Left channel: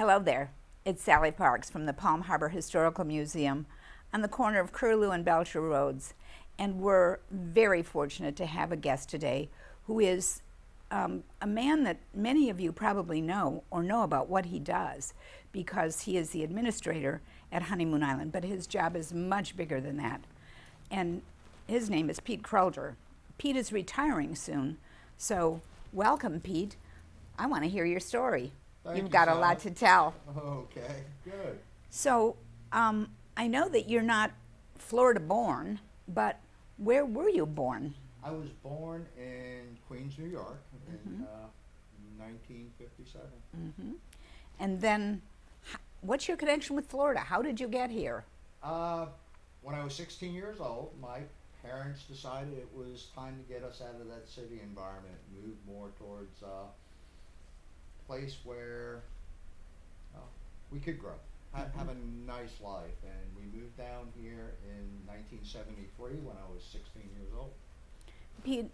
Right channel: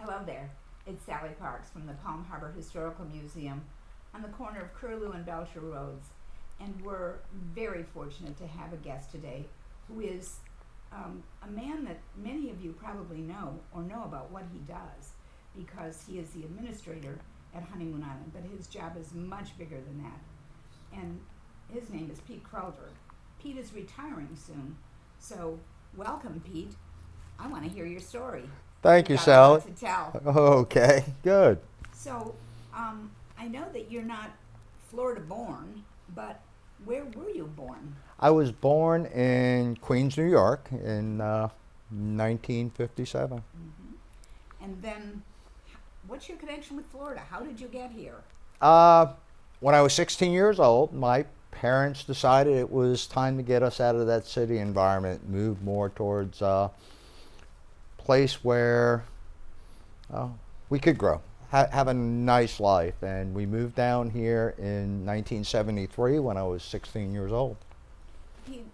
Hello there. It's Sallie Parks from the Palm Harbor Historical Museum on the corner of Curlew and Belcher Roads. And we're very fortunate to have a guest today who is a man that many of you probably know or know about what he does because he is the administrator at Honeymoon Island, but his job is much bigger than that. And his name is Pete Krulder. Pete is retiring soon, so welcome, Pete. I want to hear your story. Thank you, You've got Sallie. a lot to tell. Okay, good. So, I know that you're not Florida born, but where were you born? I was born in Queens, New York in 1957. Mm-hmm. And then, what's your connection with Florida? How did you get here? When I was 16 years old, my parents decided it was time to get us out of that city environment, move more towards place where we could grow, have a nice life. And we moved down here in 1973 when I was 16 years old. Pete,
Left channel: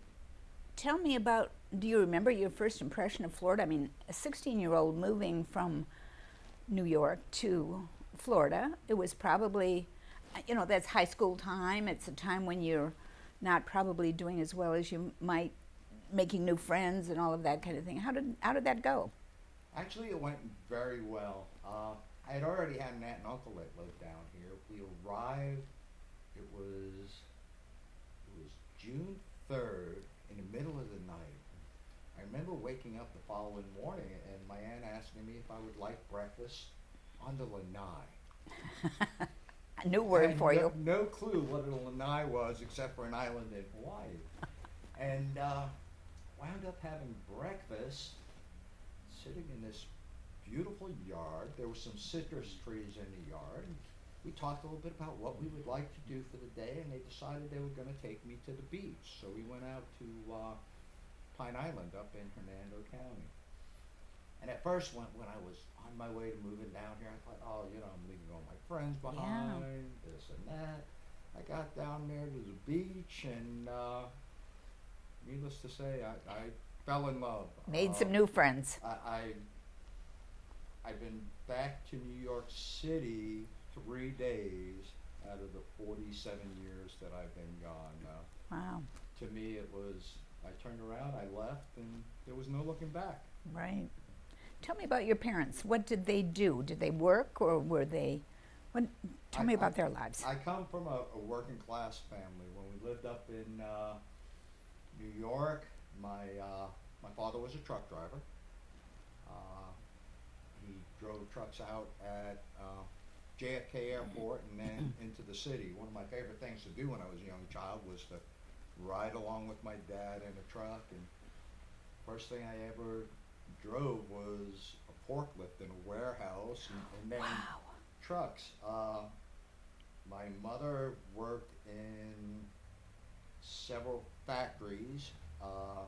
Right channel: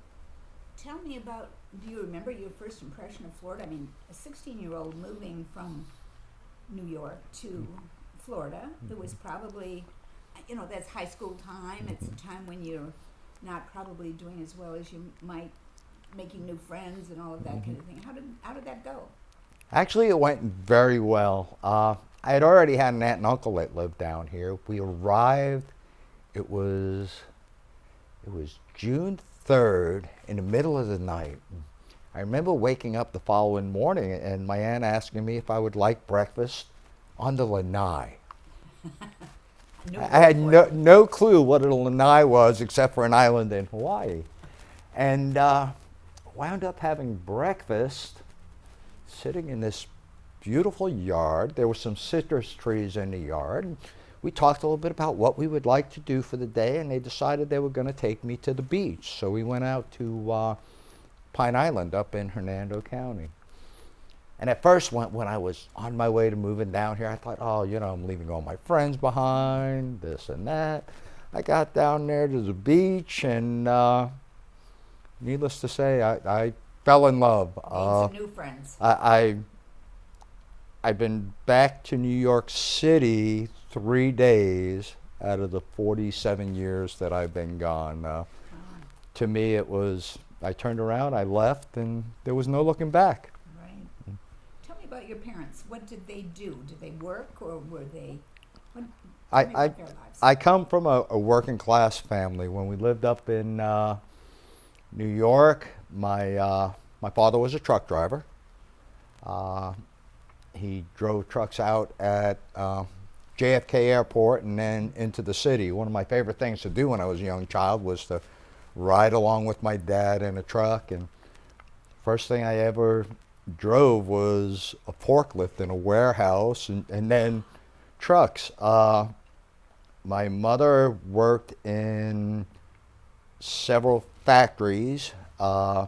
tell me about, do you remember your first impression of Florida? I mean, a 16-year-old moving from New York to Florida, it was probably, that's high school time. It's a time when you're not probably doing as well as you might, making new friends and all of that kind of thing. How did that go? Actually, it went very well. I had already had an aunt and uncle that lived down here. We arrived, it was June 3rd in the middle of the night. I remember waking up the following morning and my aunt asking me if I would like breakfast on the lanai. I had no clue what a lanai was except for an island in Hawaii. And wound up having breakfast sitting in this beautiful yard. There were some citrus trees in the yard. We talked a little bit about what we would like to do for the day, and they decided they were going to take me to the beach. So we went out to Pine Island up in Hernando County. And at first, when I was on my way to moving down here, I thought, I'm leaving all my friends behind, this and that. I got down there to the beach, and needless to say, I fell in love. Made some new friends. I've been back to New York City 3 days out of the 47 years that I've been gone. To me, it was, I turned around, I left, and there was no looking back. Right. Tell me about your parents. What did they do? Did they work, or were they, tell me about their lives. I come from a working class family. When we lived up in New York, my father was a truck driver. He drove trucks out at JFK Airport and then into the city. One of my favorite things to do when I was a young child was to ride along with my dad in a truck. And first thing I ever drove was a forklift in a warehouse and then trucks. My mother worked in several factories. And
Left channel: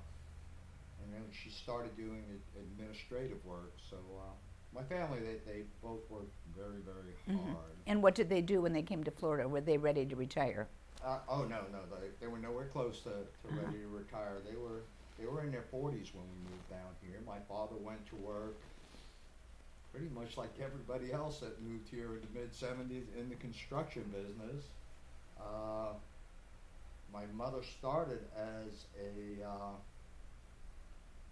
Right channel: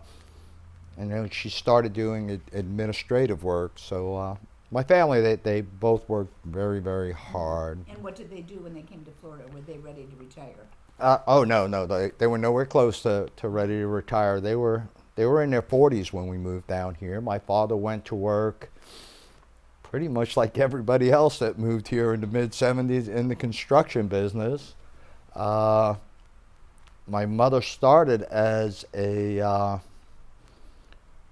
then she started doing administrative work. So my family, they both worked very, very hard. And what did they do when they came to Florida? Were they ready to retire? No. They were nowhere close to ready to retire. They were in their 40s when we moved down here. My father went to work pretty much like everybody else that moved here in the mid-70s in the construction business. My mother started as a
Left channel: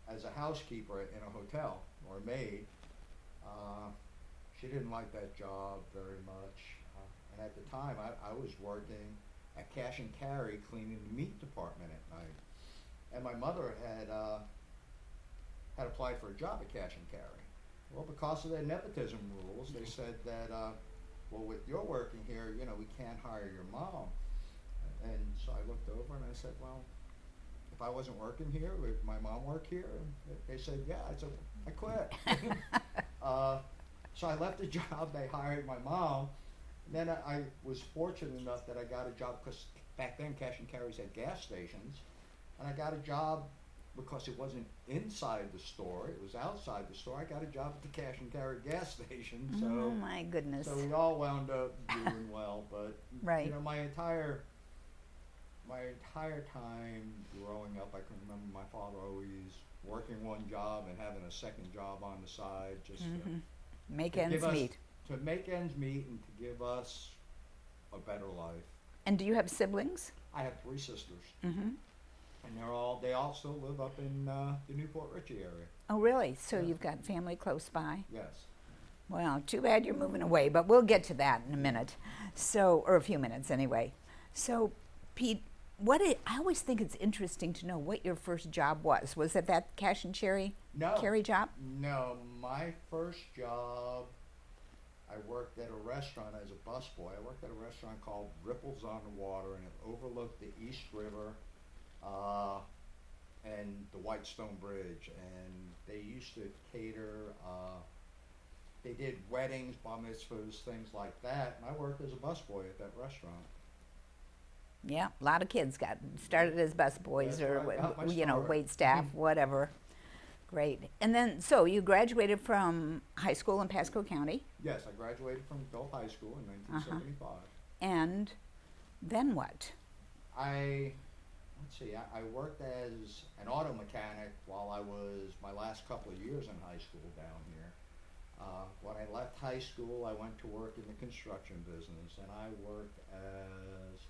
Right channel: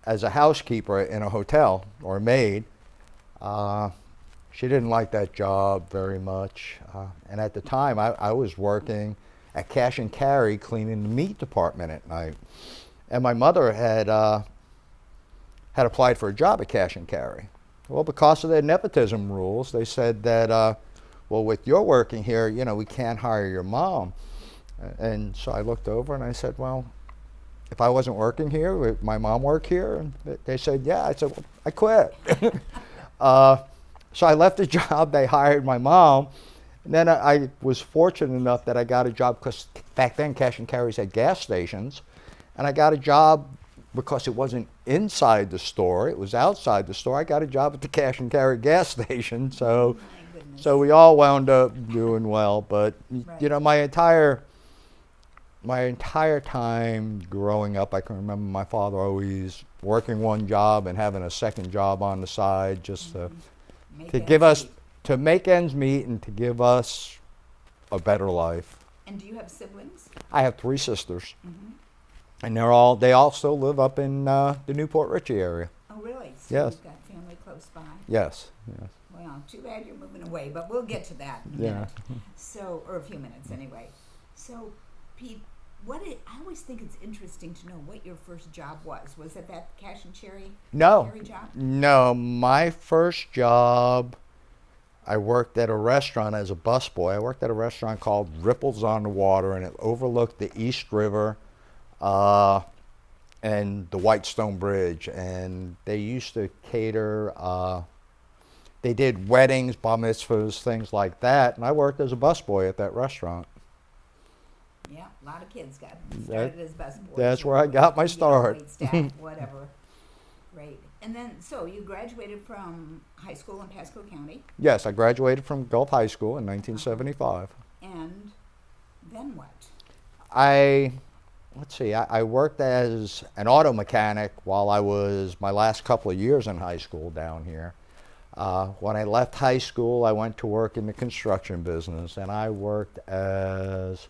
housekeeper in a hotel, or a maid. She didn't like that job very much. And at the time, I was working at cash and carry, cleaning the meat department at night. And my mother had applied for a job at cash and carry. Well, because of their nepotism rules, they said that, with your working here, we can't hire your mom. And so I looked over and I said, well, if I wasn't working here, would my mom work here? And they said, yeah. I said, well, I quit. So I left the job. They hired my mom. And then I was fortunate enough that I got a job because back then cash and carries had gas stations. And I got a job because it wasn't inside the store, it was outside the store. I got a job at the cash and carry gas station. So, my goodness. So we all wound up doing well. But, right. My entire time growing up, I can remember my father always working one job and having a second job on the side just to Make to ends give us, meet. to make ends meet and to give us a better life. And do you have siblings? I have 3 sisters, Mm-hmm. and they all still live up in the Newport Richey area. Oh, really? So Yes. you've got family close by? Yes. Yes. Well, too bad you're moving away, but we'll get to that in a Yeah. minute. So, or a few minutes anyway. So, Pete, I always think it's interesting to know what your first job was. Was it that cash and carry job? No, my first job, I worked at a restaurant as a busboy. I worked at a restaurant called Ripples on the Water, and it overlooked the East River and the Whitestone Bridge. And they used to cater, they did weddings, bar mitzvahs, things like that. And I worked as a busboy at that restaurant. Yeah, a lot of kids got started as busboys. That's or where I got my you know, start. wait staff, whatever. Great. And then, so you graduated from high school in Pasco County, Yes, I graduated from Gulf High School in 1975. and then what? I worked as an auto mechanic while I was my last couple of years in high school down here. When I left high school, I went to work in the construction business, and I worked as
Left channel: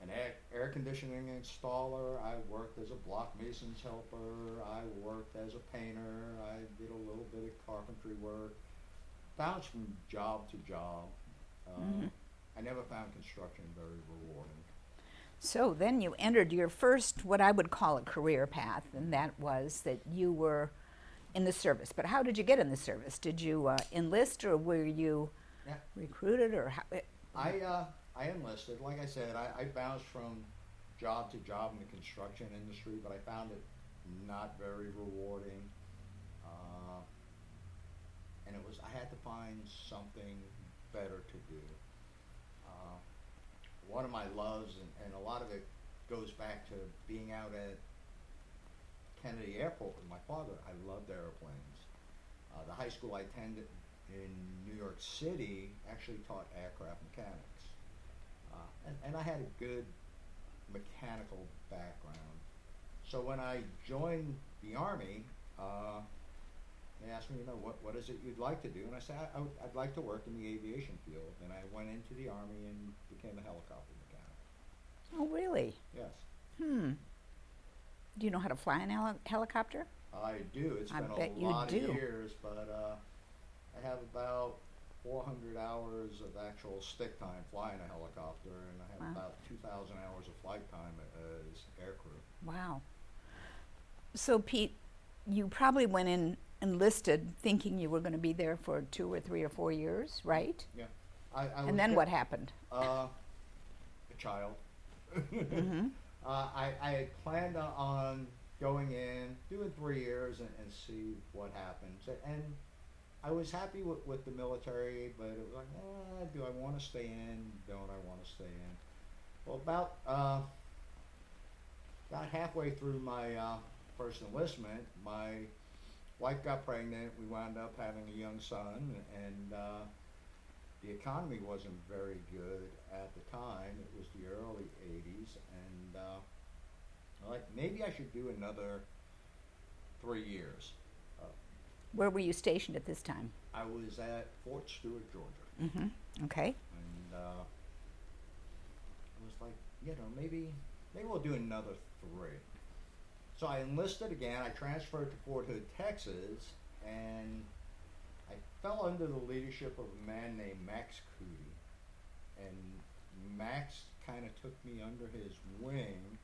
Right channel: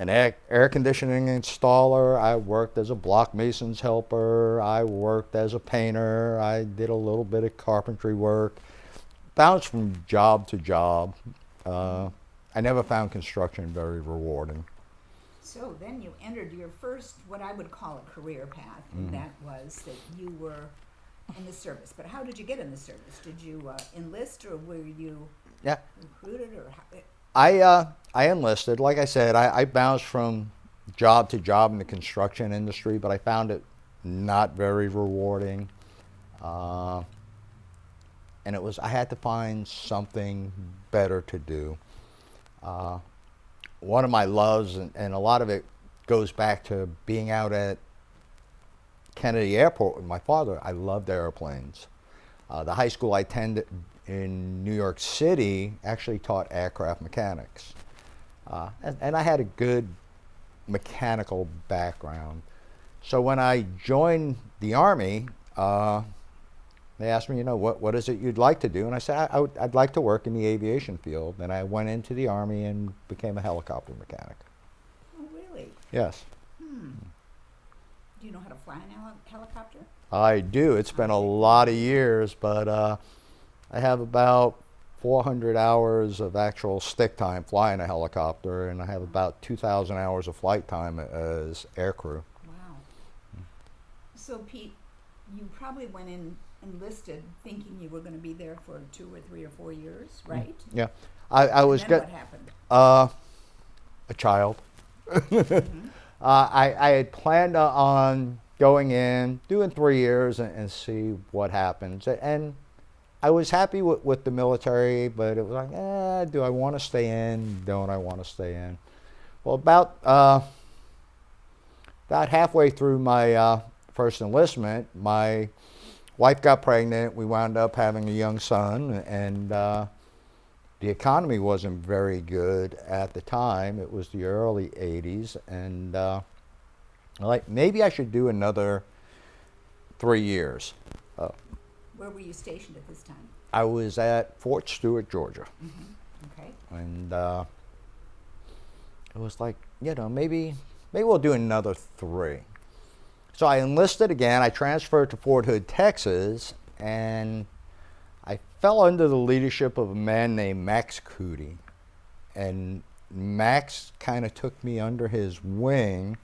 an air conditioning installer. I worked as a block mason's helper. I worked as a painter. I did a little bit of carpentry work. Bounced from job to job. I never found construction very rewarding. So then you entered your first, what I would call a career path, and that was that you were in the service. But how did you get in the service? Did you enlist, or were you Yeah. recruited, or how? I enlisted. Like I said, I bounced from job to job in the construction industry, but I found it not very rewarding. And I had to find something better to do. One of my loves, and a lot of it goes back to being out at Kennedy Airport with my father. I loved airplanes. The high school I attended in New York City actually taught aircraft mechanics. And I had a good mechanical background. So when I joined the Army, they asked me, what is it you'd like to do? And I said, I'd like to work in the aviation field. And I went into the Army and became a helicopter mechanic. Oh, really? Yes. Do you know how to fly an helicopter? I do. It's been a bet you lot of do. years, but I have about 400 hours of actual stick time flying a helicopter, and I have about 2,000 hours of flight time as aircrew. Wow. So, Pete, you probably went in enlisted thinking you were going to be there for 2 or 3 or 4 years, right? Yeah. I was And then what happened? a child. I had planned on going in, doing 3 years, and see what happens. And I was happy with the military, but it was like, do I want to stay in? Don't I want to stay in? Well, about halfway through my first enlistment, my wife got pregnant. We wound up having a young son, and the economy wasn't very good at the time. It was the early 80s, and maybe I should do another 3 years. Where were you stationed at this time? I was at Fort Stewart, Georgia. Okay. And it was like, maybe we'll do another 3. So I enlisted again. I transferred to Fort Hood, Texas, and I fell under the leadership of a man named Max Cootie. And Max kind of took me under his wing.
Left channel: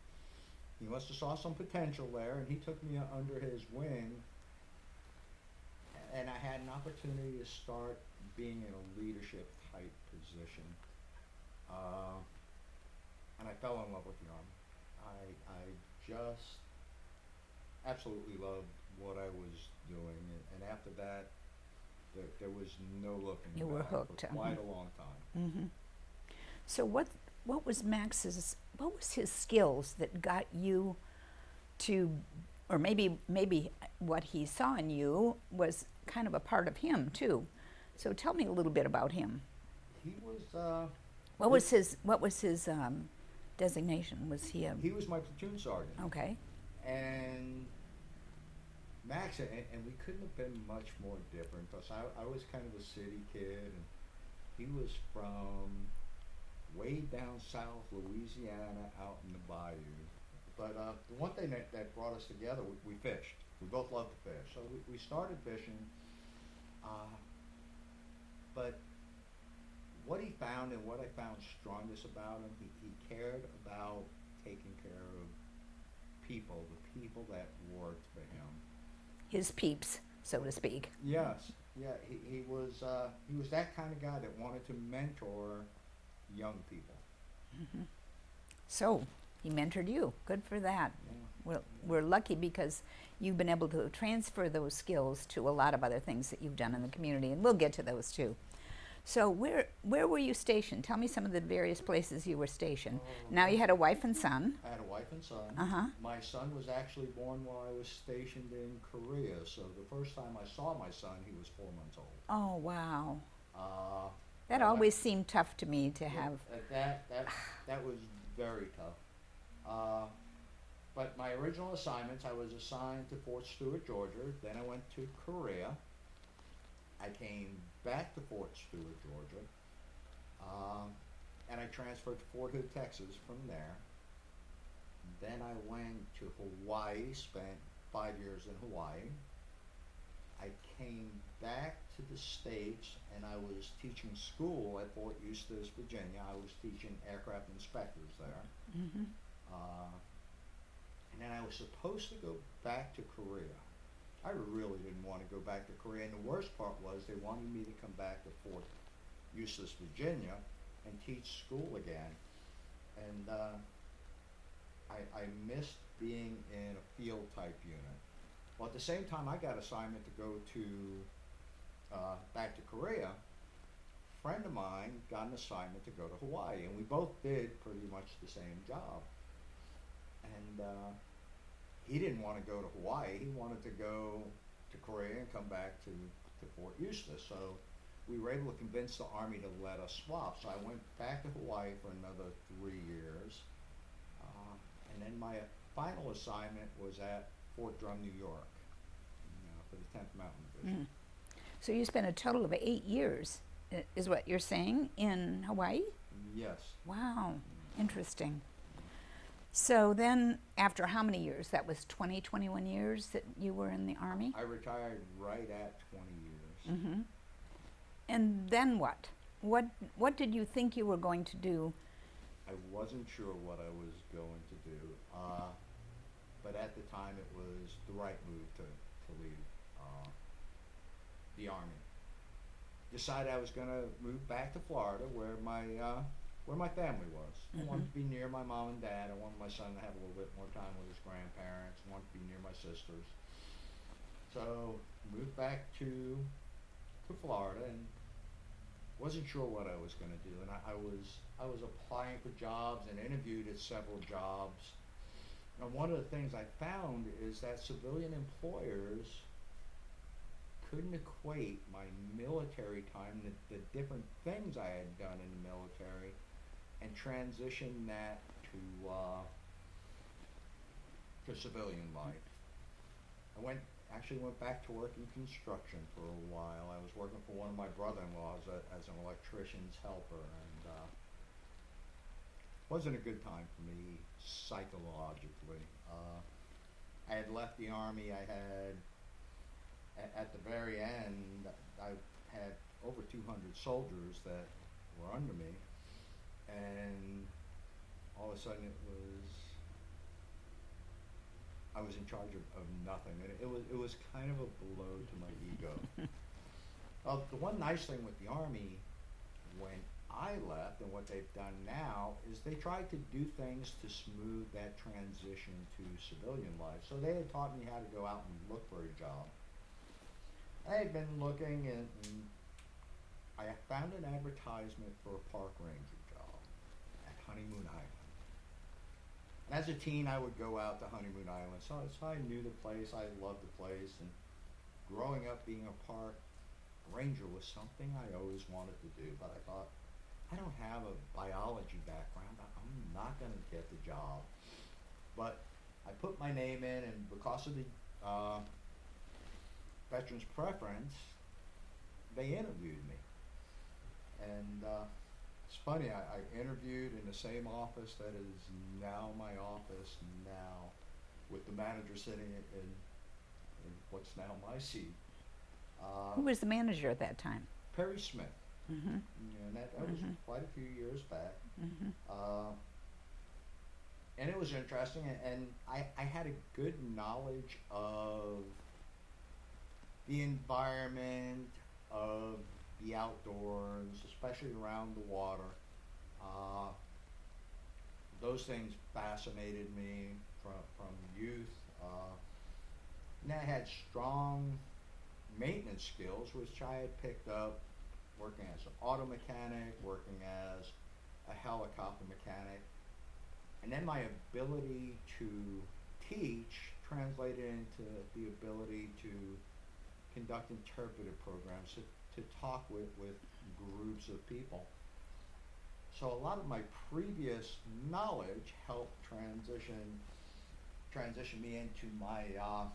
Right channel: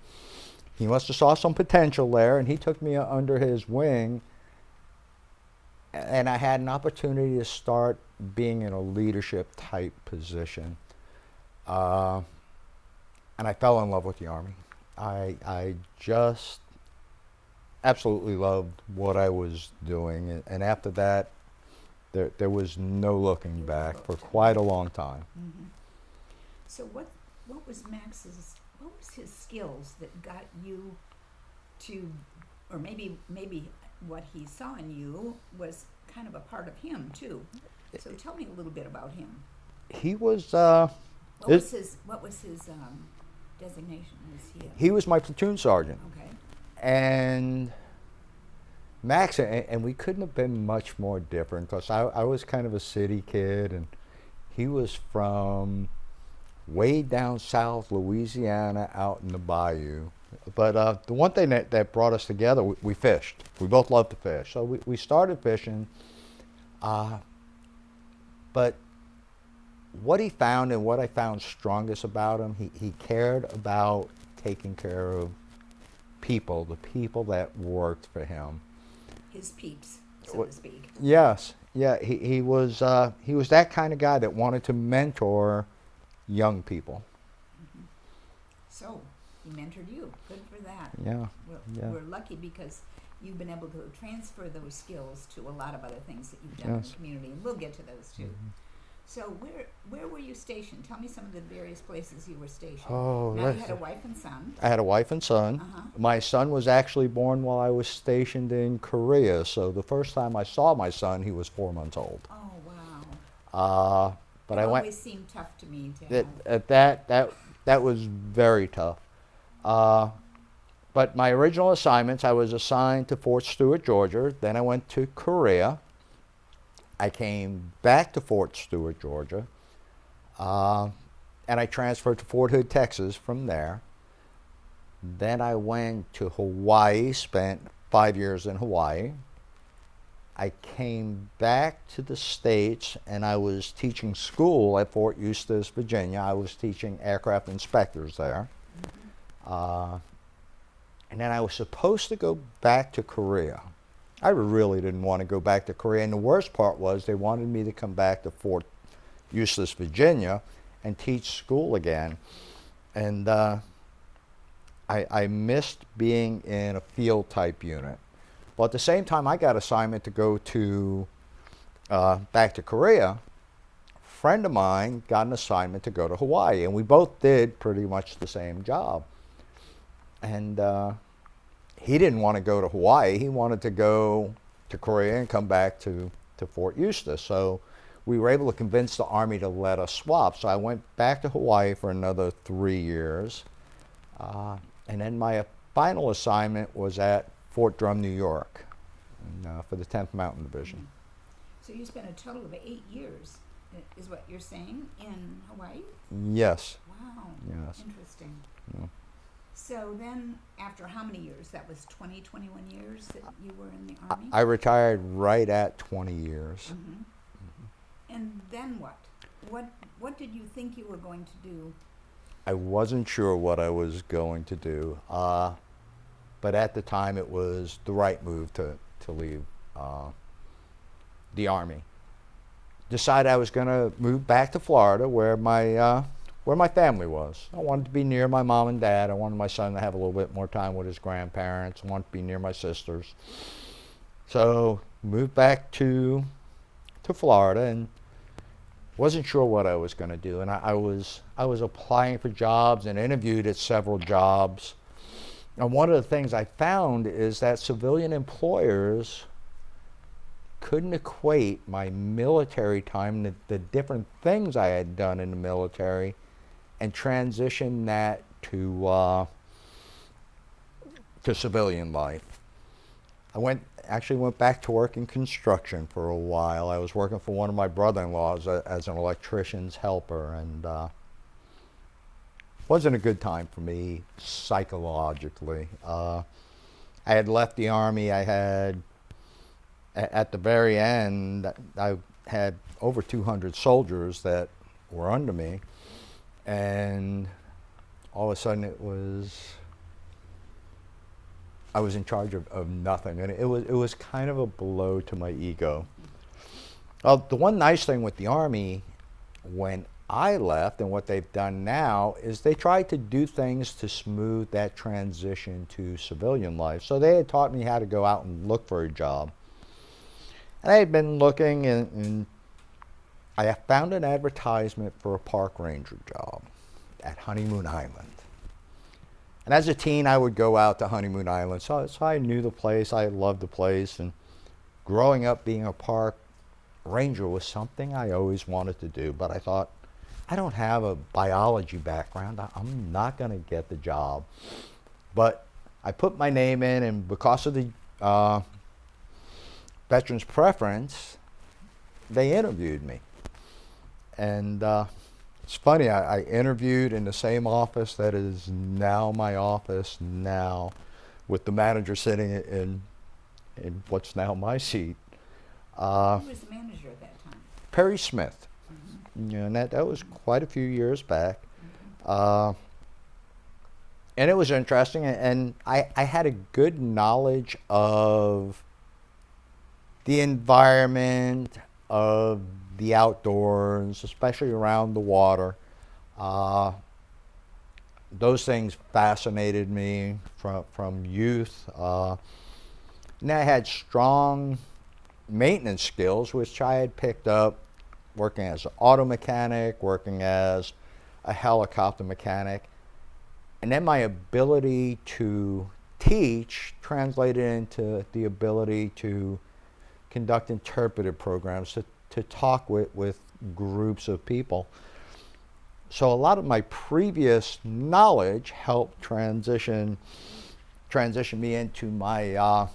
He must have saw some potential there, and he took me under his wing. And I had an opportunity to start being in a leadership type position. And I fell in love with the Army. I just absolutely loved what I was doing. And after that, there was no looking You were back for hooked. quite a long time. So what was his skills that got you to, or maybe what he saw in you was kind of a part of him too. So tell me a little bit about him. He was What was his designation? Was he a he was my platoon sergeant. okay? And Max, and we couldn't have been much more different because I was kind of a city kid, and he was from way down south Louisiana out in the bayou. But the one thing that brought us together, we fished. We both loved to fish. So we started fishing. But what he found and what I found strongest about him, he cared about taking care of people, the people that worked for him. His peeps, so to speak. Yes. Yeah, he was that kind of guy that wanted to mentor young people. Mm-hmm. So he mentored you. Good for that. Yeah. We're lucky because you've been able to transfer those skills to a lot of other things that you've done in the community, and we'll get to those too. Mm-hmm. So where were you stationed? Tell me some of the various places you were stationed. Now you had a wife and son. I had a wife and son. Uh-huh. My son was actually born while I was stationed in Korea. So the first time I saw my son, he was 4 months old. Oh, wow. But that always seemed tough to me to have. That was very tough. But my original assignments, I was assigned to Fort Stewart, Georgia. Then I went to Korea. I came back to Fort Stewart, Georgia, and I transferred to Fort Hood, Texas from there. Then I went to Hawaii, spent 5 years in Hawaii. I came back to the States, and I was teaching school at Fort Eustis, Virginia. I was teaching aircraft inspectors there. Mm-hmm. And then I was supposed to go back to Korea. I really didn't want to go back to Korea, and the worst part was they wanted me to come back to Fort Eustis, Virginia, and teach school again. And I missed being in a field type unit. Well, at the same time, I got assignment to go to back to Korea. A friend of mine got an assignment to go to Hawaii, and we both did pretty much the same job. And he didn't want to go to Hawaii. He wanted to go to Korea and come back to Fort Eustis. So we were able to convince the Army to let us swap. So I went back to Hawaii for another 3 years. And then my final assignment was at Fort Drum, New York, for the 10th Mountain Division. Mm. So you spent a total of 8 years, is what you're saying, in Hawaii? Yes. Wow. Yes. Interesting. Yeah. So then, after how many years? That was 21 years that you were in the Army? I retired right at 20 years. Mm-hmm. Mm-hmm. And then what? What did you think you were going to do? I wasn't sure what I was going to do, but at the time it was the right move to leave the Army. Decided I was going to move back to Florida where my family was. I wanted to be near my mom and dad. I wanted my son to have a little bit more time with his grandparents. I wanted to be near my sisters. So moved back to Florida and wasn't sure what I was going to do. And I was applying for jobs and interviewed at several jobs. And one of the things I found is that civilian employers couldn't equate my military time, the different things I had done in the military, and transition that to civilian life. I actually went back to work in construction for a while. I was working for one of my brother-in-laws as an electrician's helper, and wasn't a good time for me psychologically. I had left the Army. I had, at the very end, I had over 200 soldiers that were under me, and all of a sudden I was in charge of nothing, and it was kind of a blow to my ego. The one nice thing with the Army, when I left, and what they've done now, is they tried to do things to smooth that transition to civilian life. So they had taught me how to go out and look for a job. And I had been looking, and I found an advertisement for a park ranger job at Honeymoon Island. And as a teen, I would go out to Honeymoon Island, so I knew the place. I loved the place, and growing up being a park ranger was something I always wanted to do. But I thought, I don't have a biology background. I'm not going to get the job. But I put my name in, and because of the Veterans Preference, they interviewed me. And it's funny, I interviewed in the same office that is now my office now, with the manager sitting in what's now my seat. Who was the manager at that time? Perry Smith. Mm-hmm. You know, and that was quite a few years back. Mm-hmm. And it was interesting, and I had a good knowledge of the environment, of the outdoors, especially around the water. Those things fascinated me from youth. And I had strong maintenance skills, which I had picked up working as an auto mechanic, working as a helicopter mechanic. And then my ability to teach translated into the ability to conduct interpretive programs, to talk with groups of people. So a lot of my previous knowledge helped transition me into my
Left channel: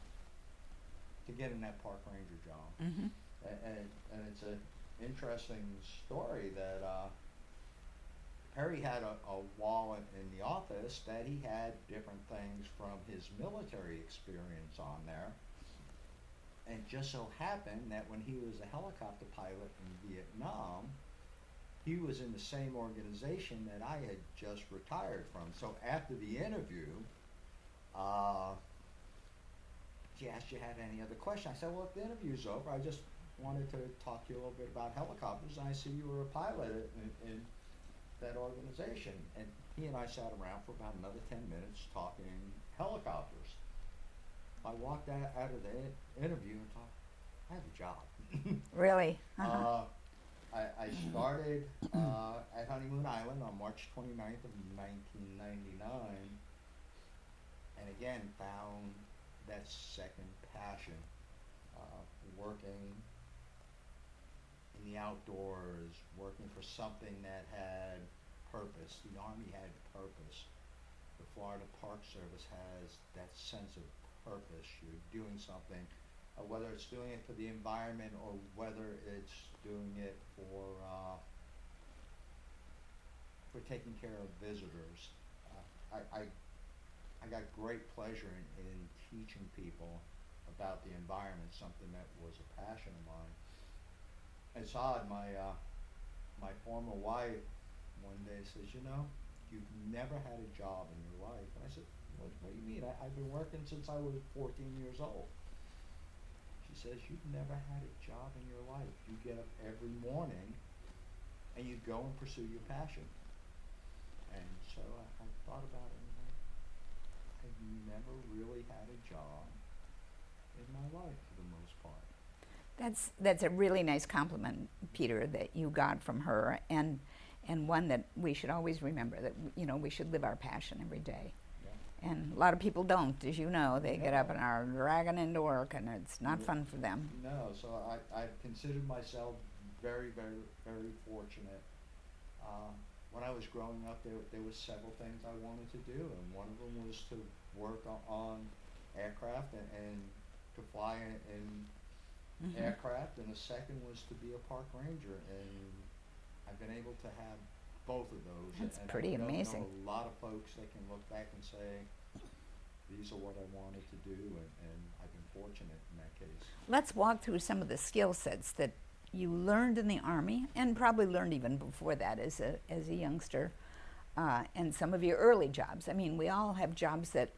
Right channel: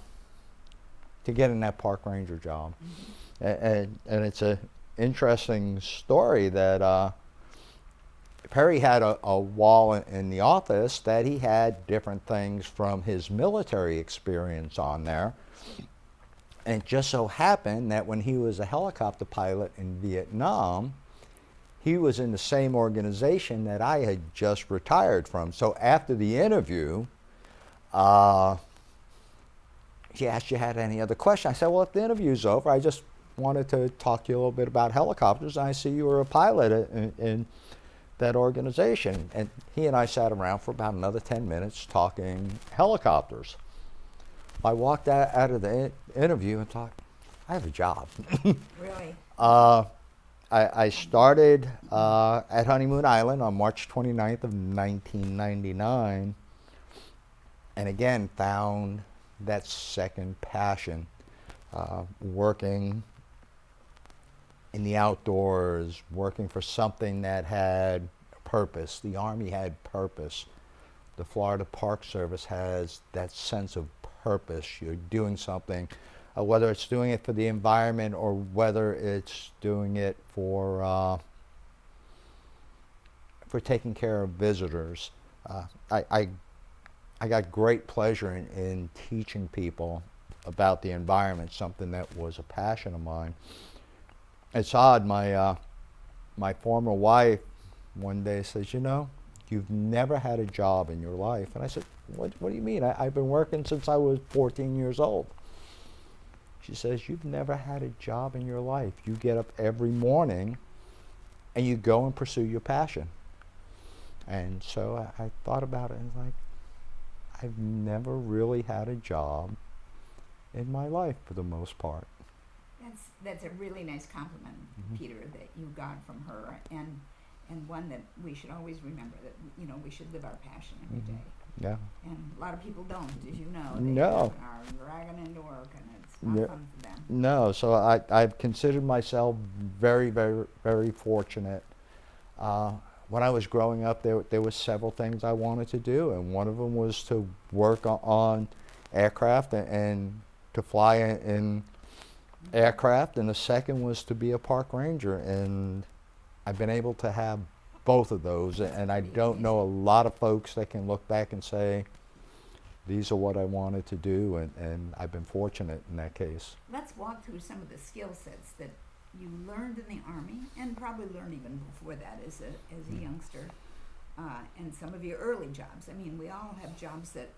to getting that park ranger job. Mm-hmm. And it's an interesting story that Perry had a wall in the office that he had different things from his military experience on there. And it just so happened that when he was a helicopter pilot in Vietnam, he was in the same organization that I had just retired from. So after the interview, he asked, you had any other questions? I said, well, if the interview's over, I just wanted to talk to you a little bit about helicopters. I see you were a pilot in that organization. And he and I sat around for about another 10 minutes talking helicopters. I walked out of the interview and thought, I have a job. Really? I started at Honeymoon Island on March 29th of 1999, and again found that second passion, working in the outdoors, working for something that had purpose. The Army had purpose. The Florida Park Service has that sense of purpose. You're doing something, whether it's doing it for the environment or whether it's doing it for taking care of visitors. I got great pleasure in teaching people about the environment, something that was a passion of mine. It's odd, my former wife one day says, you know, you've never had a job in your life. And I said, what do you mean? I've been working since I was 14 years old. She says, you've never had a job in your life. You get up every morning and you go and pursue your passion. And so I thought about it and like, I've never really had a job in my life for the most part. That's a really nice compliment, mm-hmm. Peter, that you got from her, and one that we should always remember, that we should live our passion every day. Yeah. And a lot of people don't, as you know. They get up and are dragging into work, and it's not fun for them. No, so I've considered myself very, very, very fortunate. When I was growing up, there were several things I wanted to do, and one of them was to work on aircraft and to fly in mm-hmm. aircraft, and the second was to be a park ranger, and I've been able to have both of those. That's and I don't amazing. Know a lot of folks that can look back and say, these are what I wanted to do, and I've been fortunate in that case. Let's walk through some of the skill sets that you learned in the Army, and probably learned even before that as a youngster, and some of your early jobs. I mean, we all have jobs that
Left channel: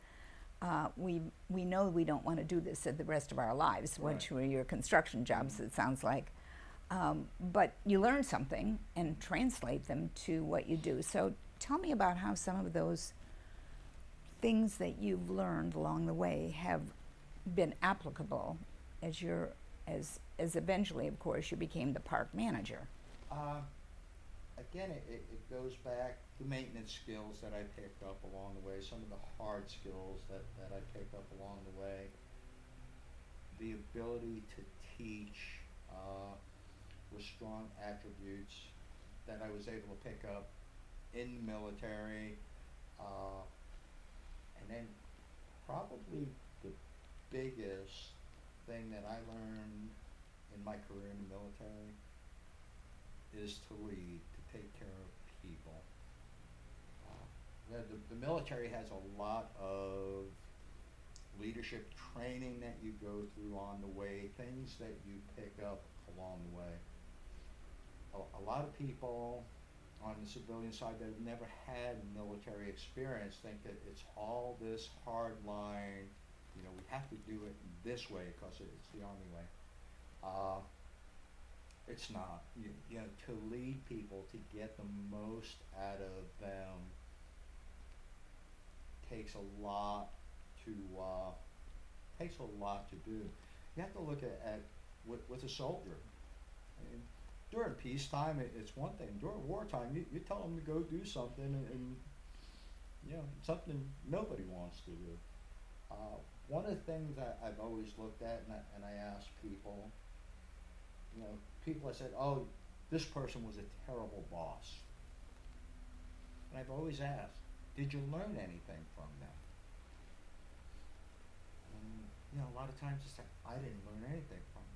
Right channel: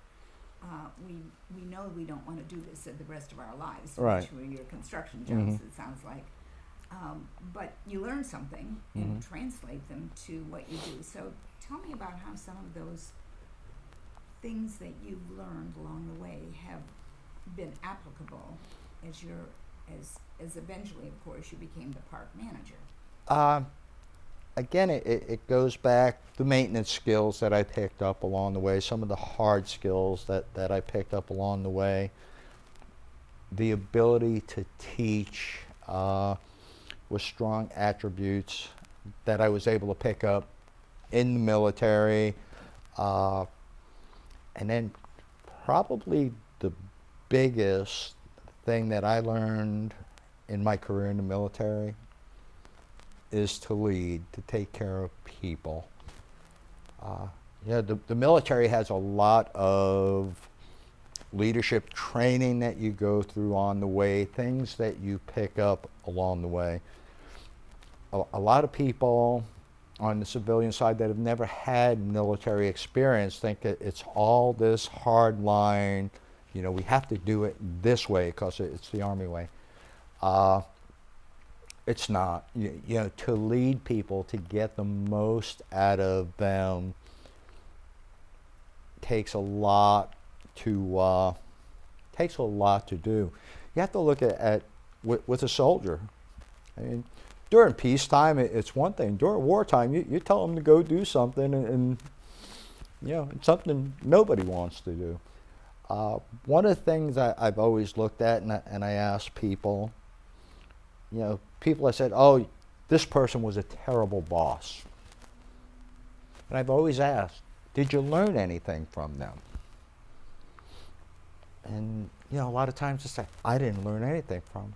we know we don't want to do this the rest of our lives, right. which were your construction jobs, mm-hmm. it sounds like. But you learn something and mm-hmm. translate them to what you do. So tell me about how some of those things that you've learned along the way have been applicable as eventually, of course, you became the park manager. Again, it goes back to maintenance skills that I picked up along the way, some of the hard skills that I picked up along the way, the ability to teach with strong attributes that I was able to pick up in the military, and then probably the biggest thing that I learned in my career in the military is to lead, to take care of people. The military has a lot of leadership training that you go through on the way, things that you pick up along the way. A lot of people on the civilian side that have never had military experience think that it's all this hard line, we have to do it this way because it's the Army way. It's not. To lead people, to get the most out of them takes a lot to do. You have to look at with a soldier. I mean, during peacetime, it's one thing. During wartime, you tell them to go do something, and it's something nobody wants to do. One of the things I've always looked at, and I ask people, people have said, "Oh, this person was a terrible boss," and I've always asked, "Did you learn anything from them?" And a lot of times it's like, "I didn't learn anything from them."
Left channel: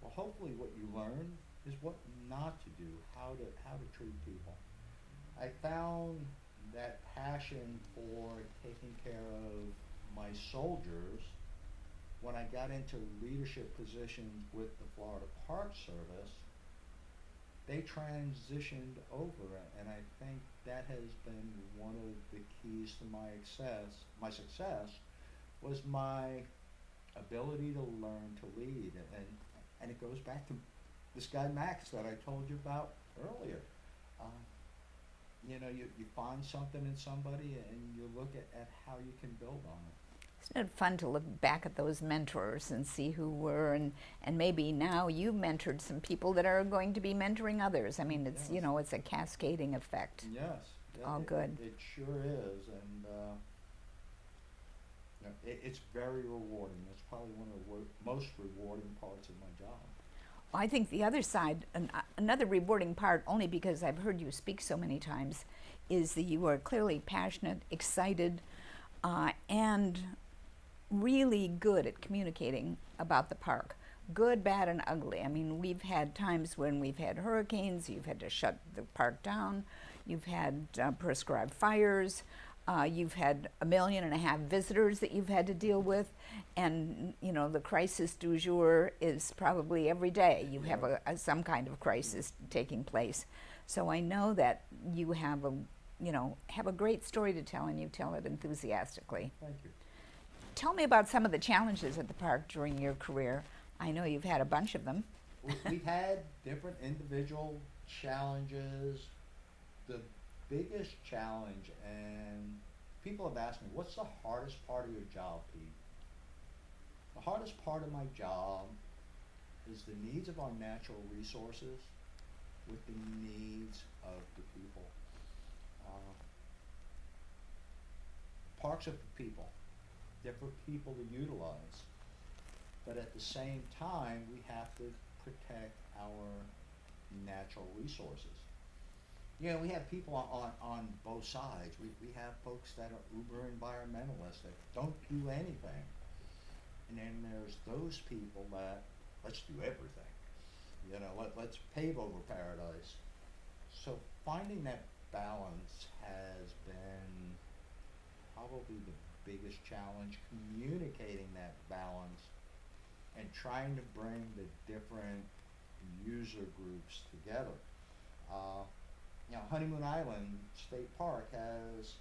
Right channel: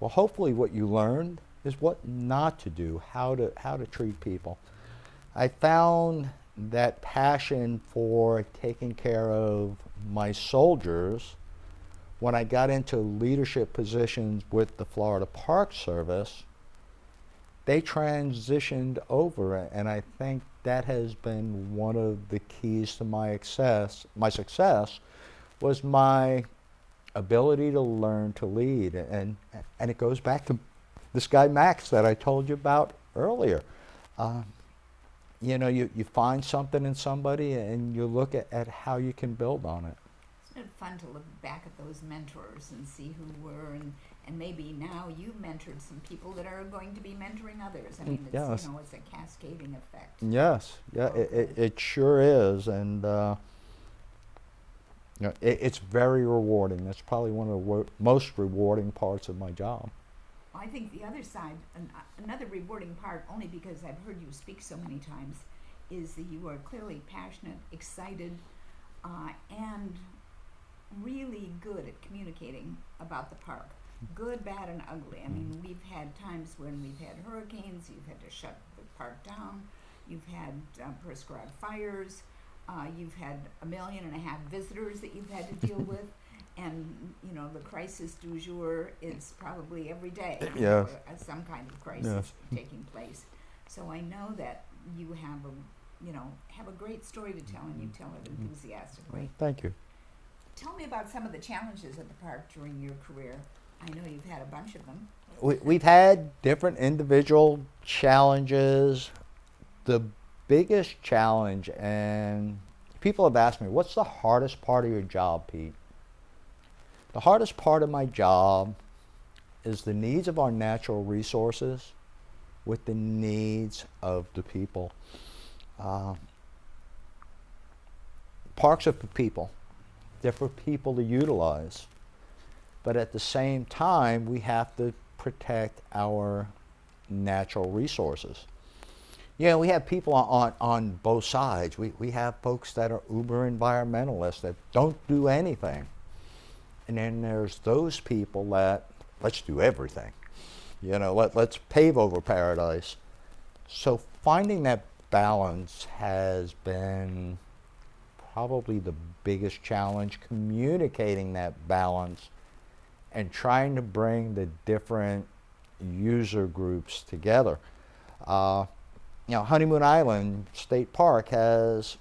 Well, hopefully, what you learned is what not to do, how to treat people. I found that passion for taking care of my soldiers when I got into leadership positions with the Florida Park Service. They transitioned over, and I think that has been one of the keys to my success was my ability to learn to lead, and it goes back to this guy Max that I told you about earlier. You find something in somebody and you look at how you can build on it. Isn't it fun to look back at those mentors and see who were, and maybe now you've mentored some people that are going to be mentoring others. I mean, it's Yes. it's a cascading effect. Yes, yeah, Oh, good. it sure is, and it's very rewarding. That's probably one of the most rewarding parts of my job. I think the other side, another rewarding part, only because I've heard you speak so many times, is that you are clearly passionate, excited, and really good at communicating about the park. Good, bad, and ugly. I mean, we've had times when we've had hurricanes, you've had to shut the park down, you've had prescribed fires, you've had 1.5 million visitors that you've had to deal with. And the crisis du jour is probably every day you have some kind of crisis taking place. So I know that you have a great story to tell, and you tell it enthusiastically. Thank you. Tell me about some of the challenges at the park during your career. I know you've had a bunch of them. We've had different individual challenges. The biggest challenge, and people have asked me, what's the hardest part of your job, Pete? The hardest part of my job is the needs of our natural resources with the needs of the people. Parks are for people. They're for people to utilize. But at the same time, we have to protect our natural resources. We have people on both sides. We have folks that are uber environmentalists that don't do anything. And then there's those people that, let's do everything. Let's pave over paradise. So finding that balance has been probably the biggest challenge, communicating that balance and trying to bring the different user groups together. Honeymoon Island State Park has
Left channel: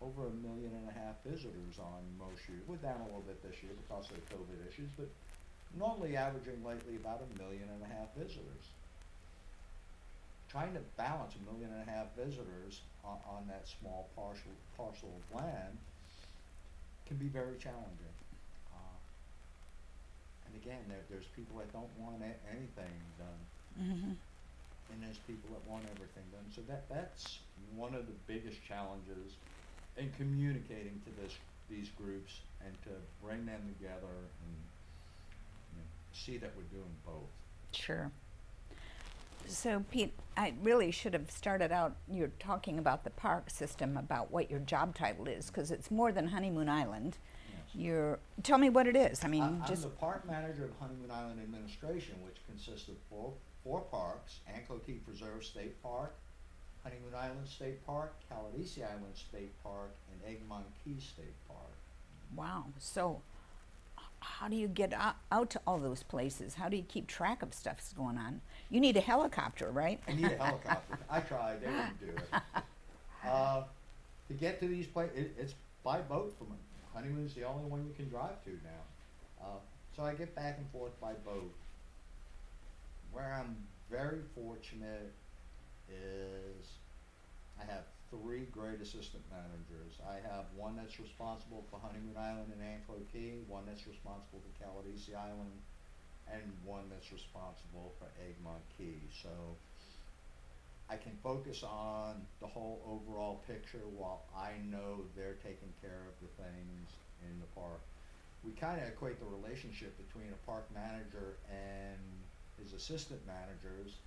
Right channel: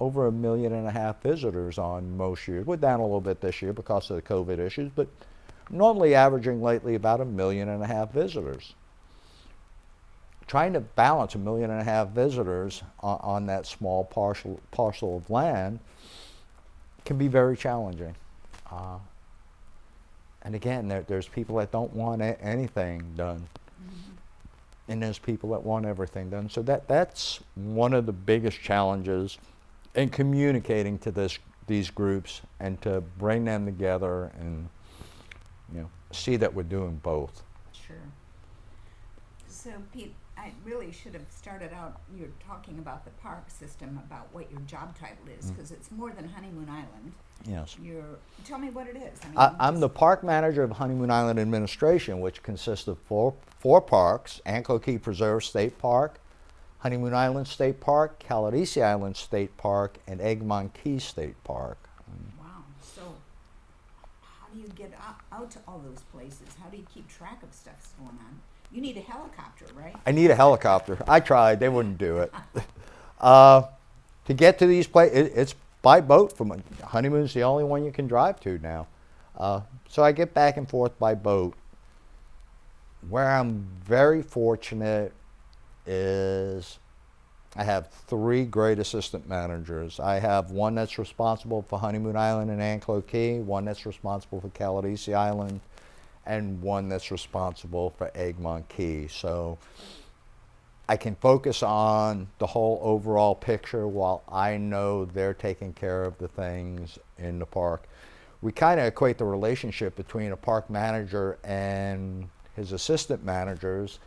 over 1.5 million visitors on most years. We're down a little bit this year because of the COVID issues, but normally averaging lately about 1.5 million visitors. Trying to balance 1.5 million visitors on that small parcel of land can be very challenging. And again, there's people that don't want anything done. Mm-hmm. And there's people that want everything done. So that's one of the biggest challenges in communicating to these groups and to bring them together and see that we're doing both. Sure. So, Pete, I really should have started out, you're talking about the park system, about what your job title is, because it's more than Honeymoon Island. Yes. Tell me what it is. I mean, I'm the park manager of Honeymoon Island Administration, which consists of four parks: Anklo Key Preserve State Park, Honeymoon Island State Park, Caladesi Island State Park, and Egmont Key State Park. Wow. So, how do you get out to all those places? How do you keep track of stuff that's going on? You need a helicopter, right? I need a helicopter. I tried. They wouldn't do it. To get to these places, it's by boat. Honeymoon's the only one you can drive to now. So I get back and forth by boat. Where I'm very fortunate is I have 3 great assistant managers. I have one that's responsible for Honeymoon Island and Anklo Key, one that's responsible for Caladesi Island, and one that's responsible for Egmont Key. So I can focus on the whole overall picture while I know they're taking care of the things in the park. We kind of equate the relationship between a park manager and his assistant managers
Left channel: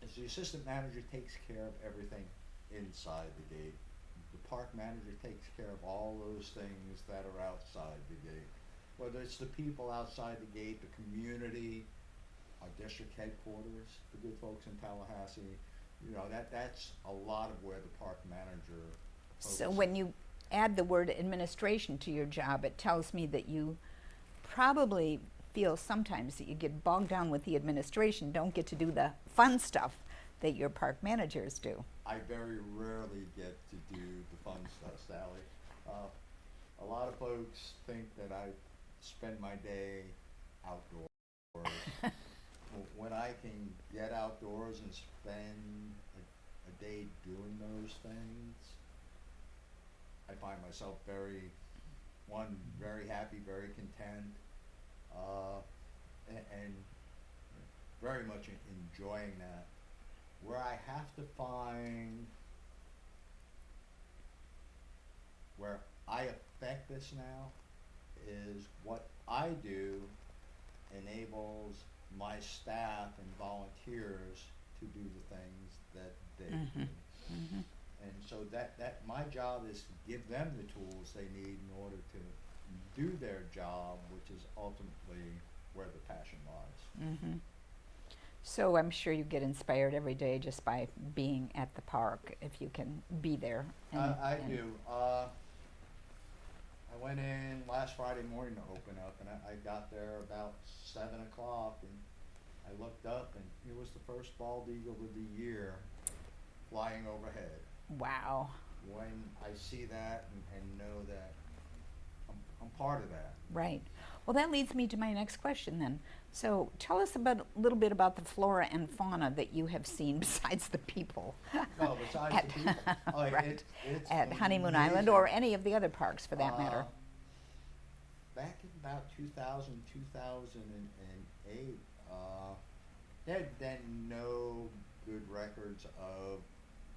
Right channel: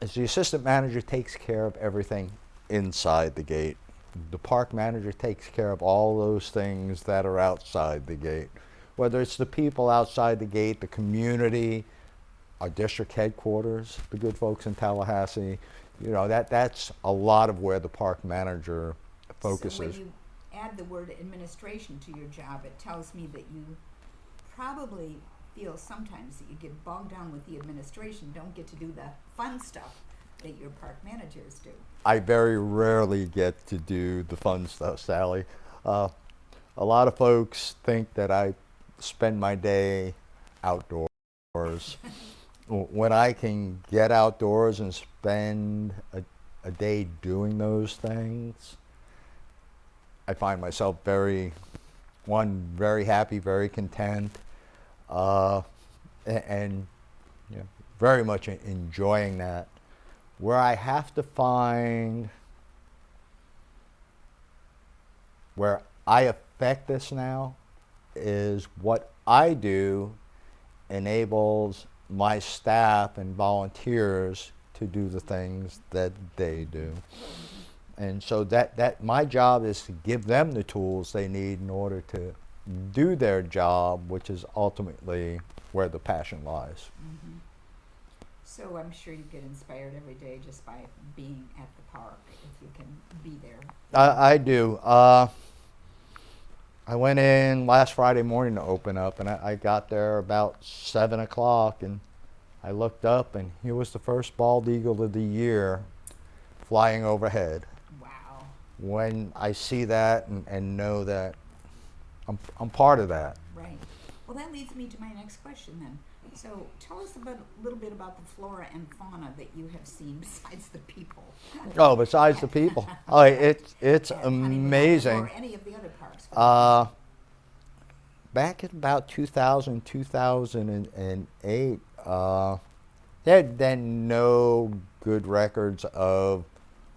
as the assistant manager takes care of everything inside the gate. The park manager takes care of all those things that are outside the gate. Whether it's the people outside the gate, the community, our district headquarters, the good folks in Tallahassee, that's a lot of where the park manager focuses. So when you add the word administration to your job, it tells me that you probably feel sometimes that you get bogged down with the administration, don't get to do the fun stuff that your park managers do. I very rarely get to do the fun stuff, Sally. A lot of folks think that I spend my day outdoors. When I can get outdoors and spend a day doing those things, I find myself very happy, very content, and very much enjoying that. Where I have to find where I affect this now is what I do enables my staff and volunteers to do the things that they do. And so that my job is to give them the tools they need in order to do their job, which is ultimately where the passion lies. Mm-hmm. So I'm sure you get inspired every day just by being at the park, if you can be there. I do. I went in last Friday morning to open up, and I got there about 7 o'clock, and I looked up, and here was the first bald eagle of the year flying overhead. Wow. When I see that and know that I'm part of that. Right. Well, that leads me to my next question then. So tell us a little bit about the flora and fauna that you have seen besides the people. Oh, besides the people. Oh, Right. it's At amazing. Honeymoon Island or any of the other parks for that matter. Back in about 2000, 2008, there had been no good records of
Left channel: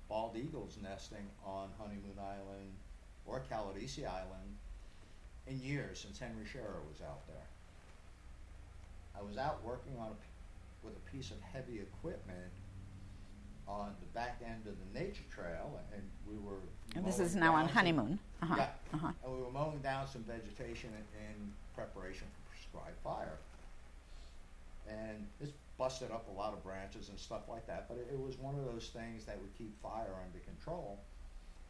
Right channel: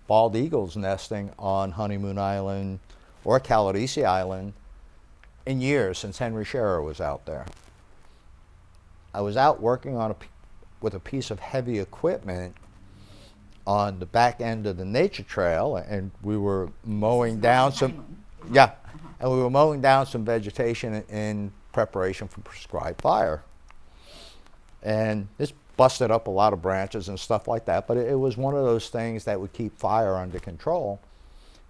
bald eagles nesting on Honeymoon Island or Caladesi Island in years since Henry Scherer was out there. I was out working with a piece of heavy equipment on the back end of the nature trail, and we were mowing down some. Yeah, and we were mowing down some vegetation in preparation for prescribed fire. And this busted up a lot of branches and stuff like that, but it was one of those things that would keep fire under control.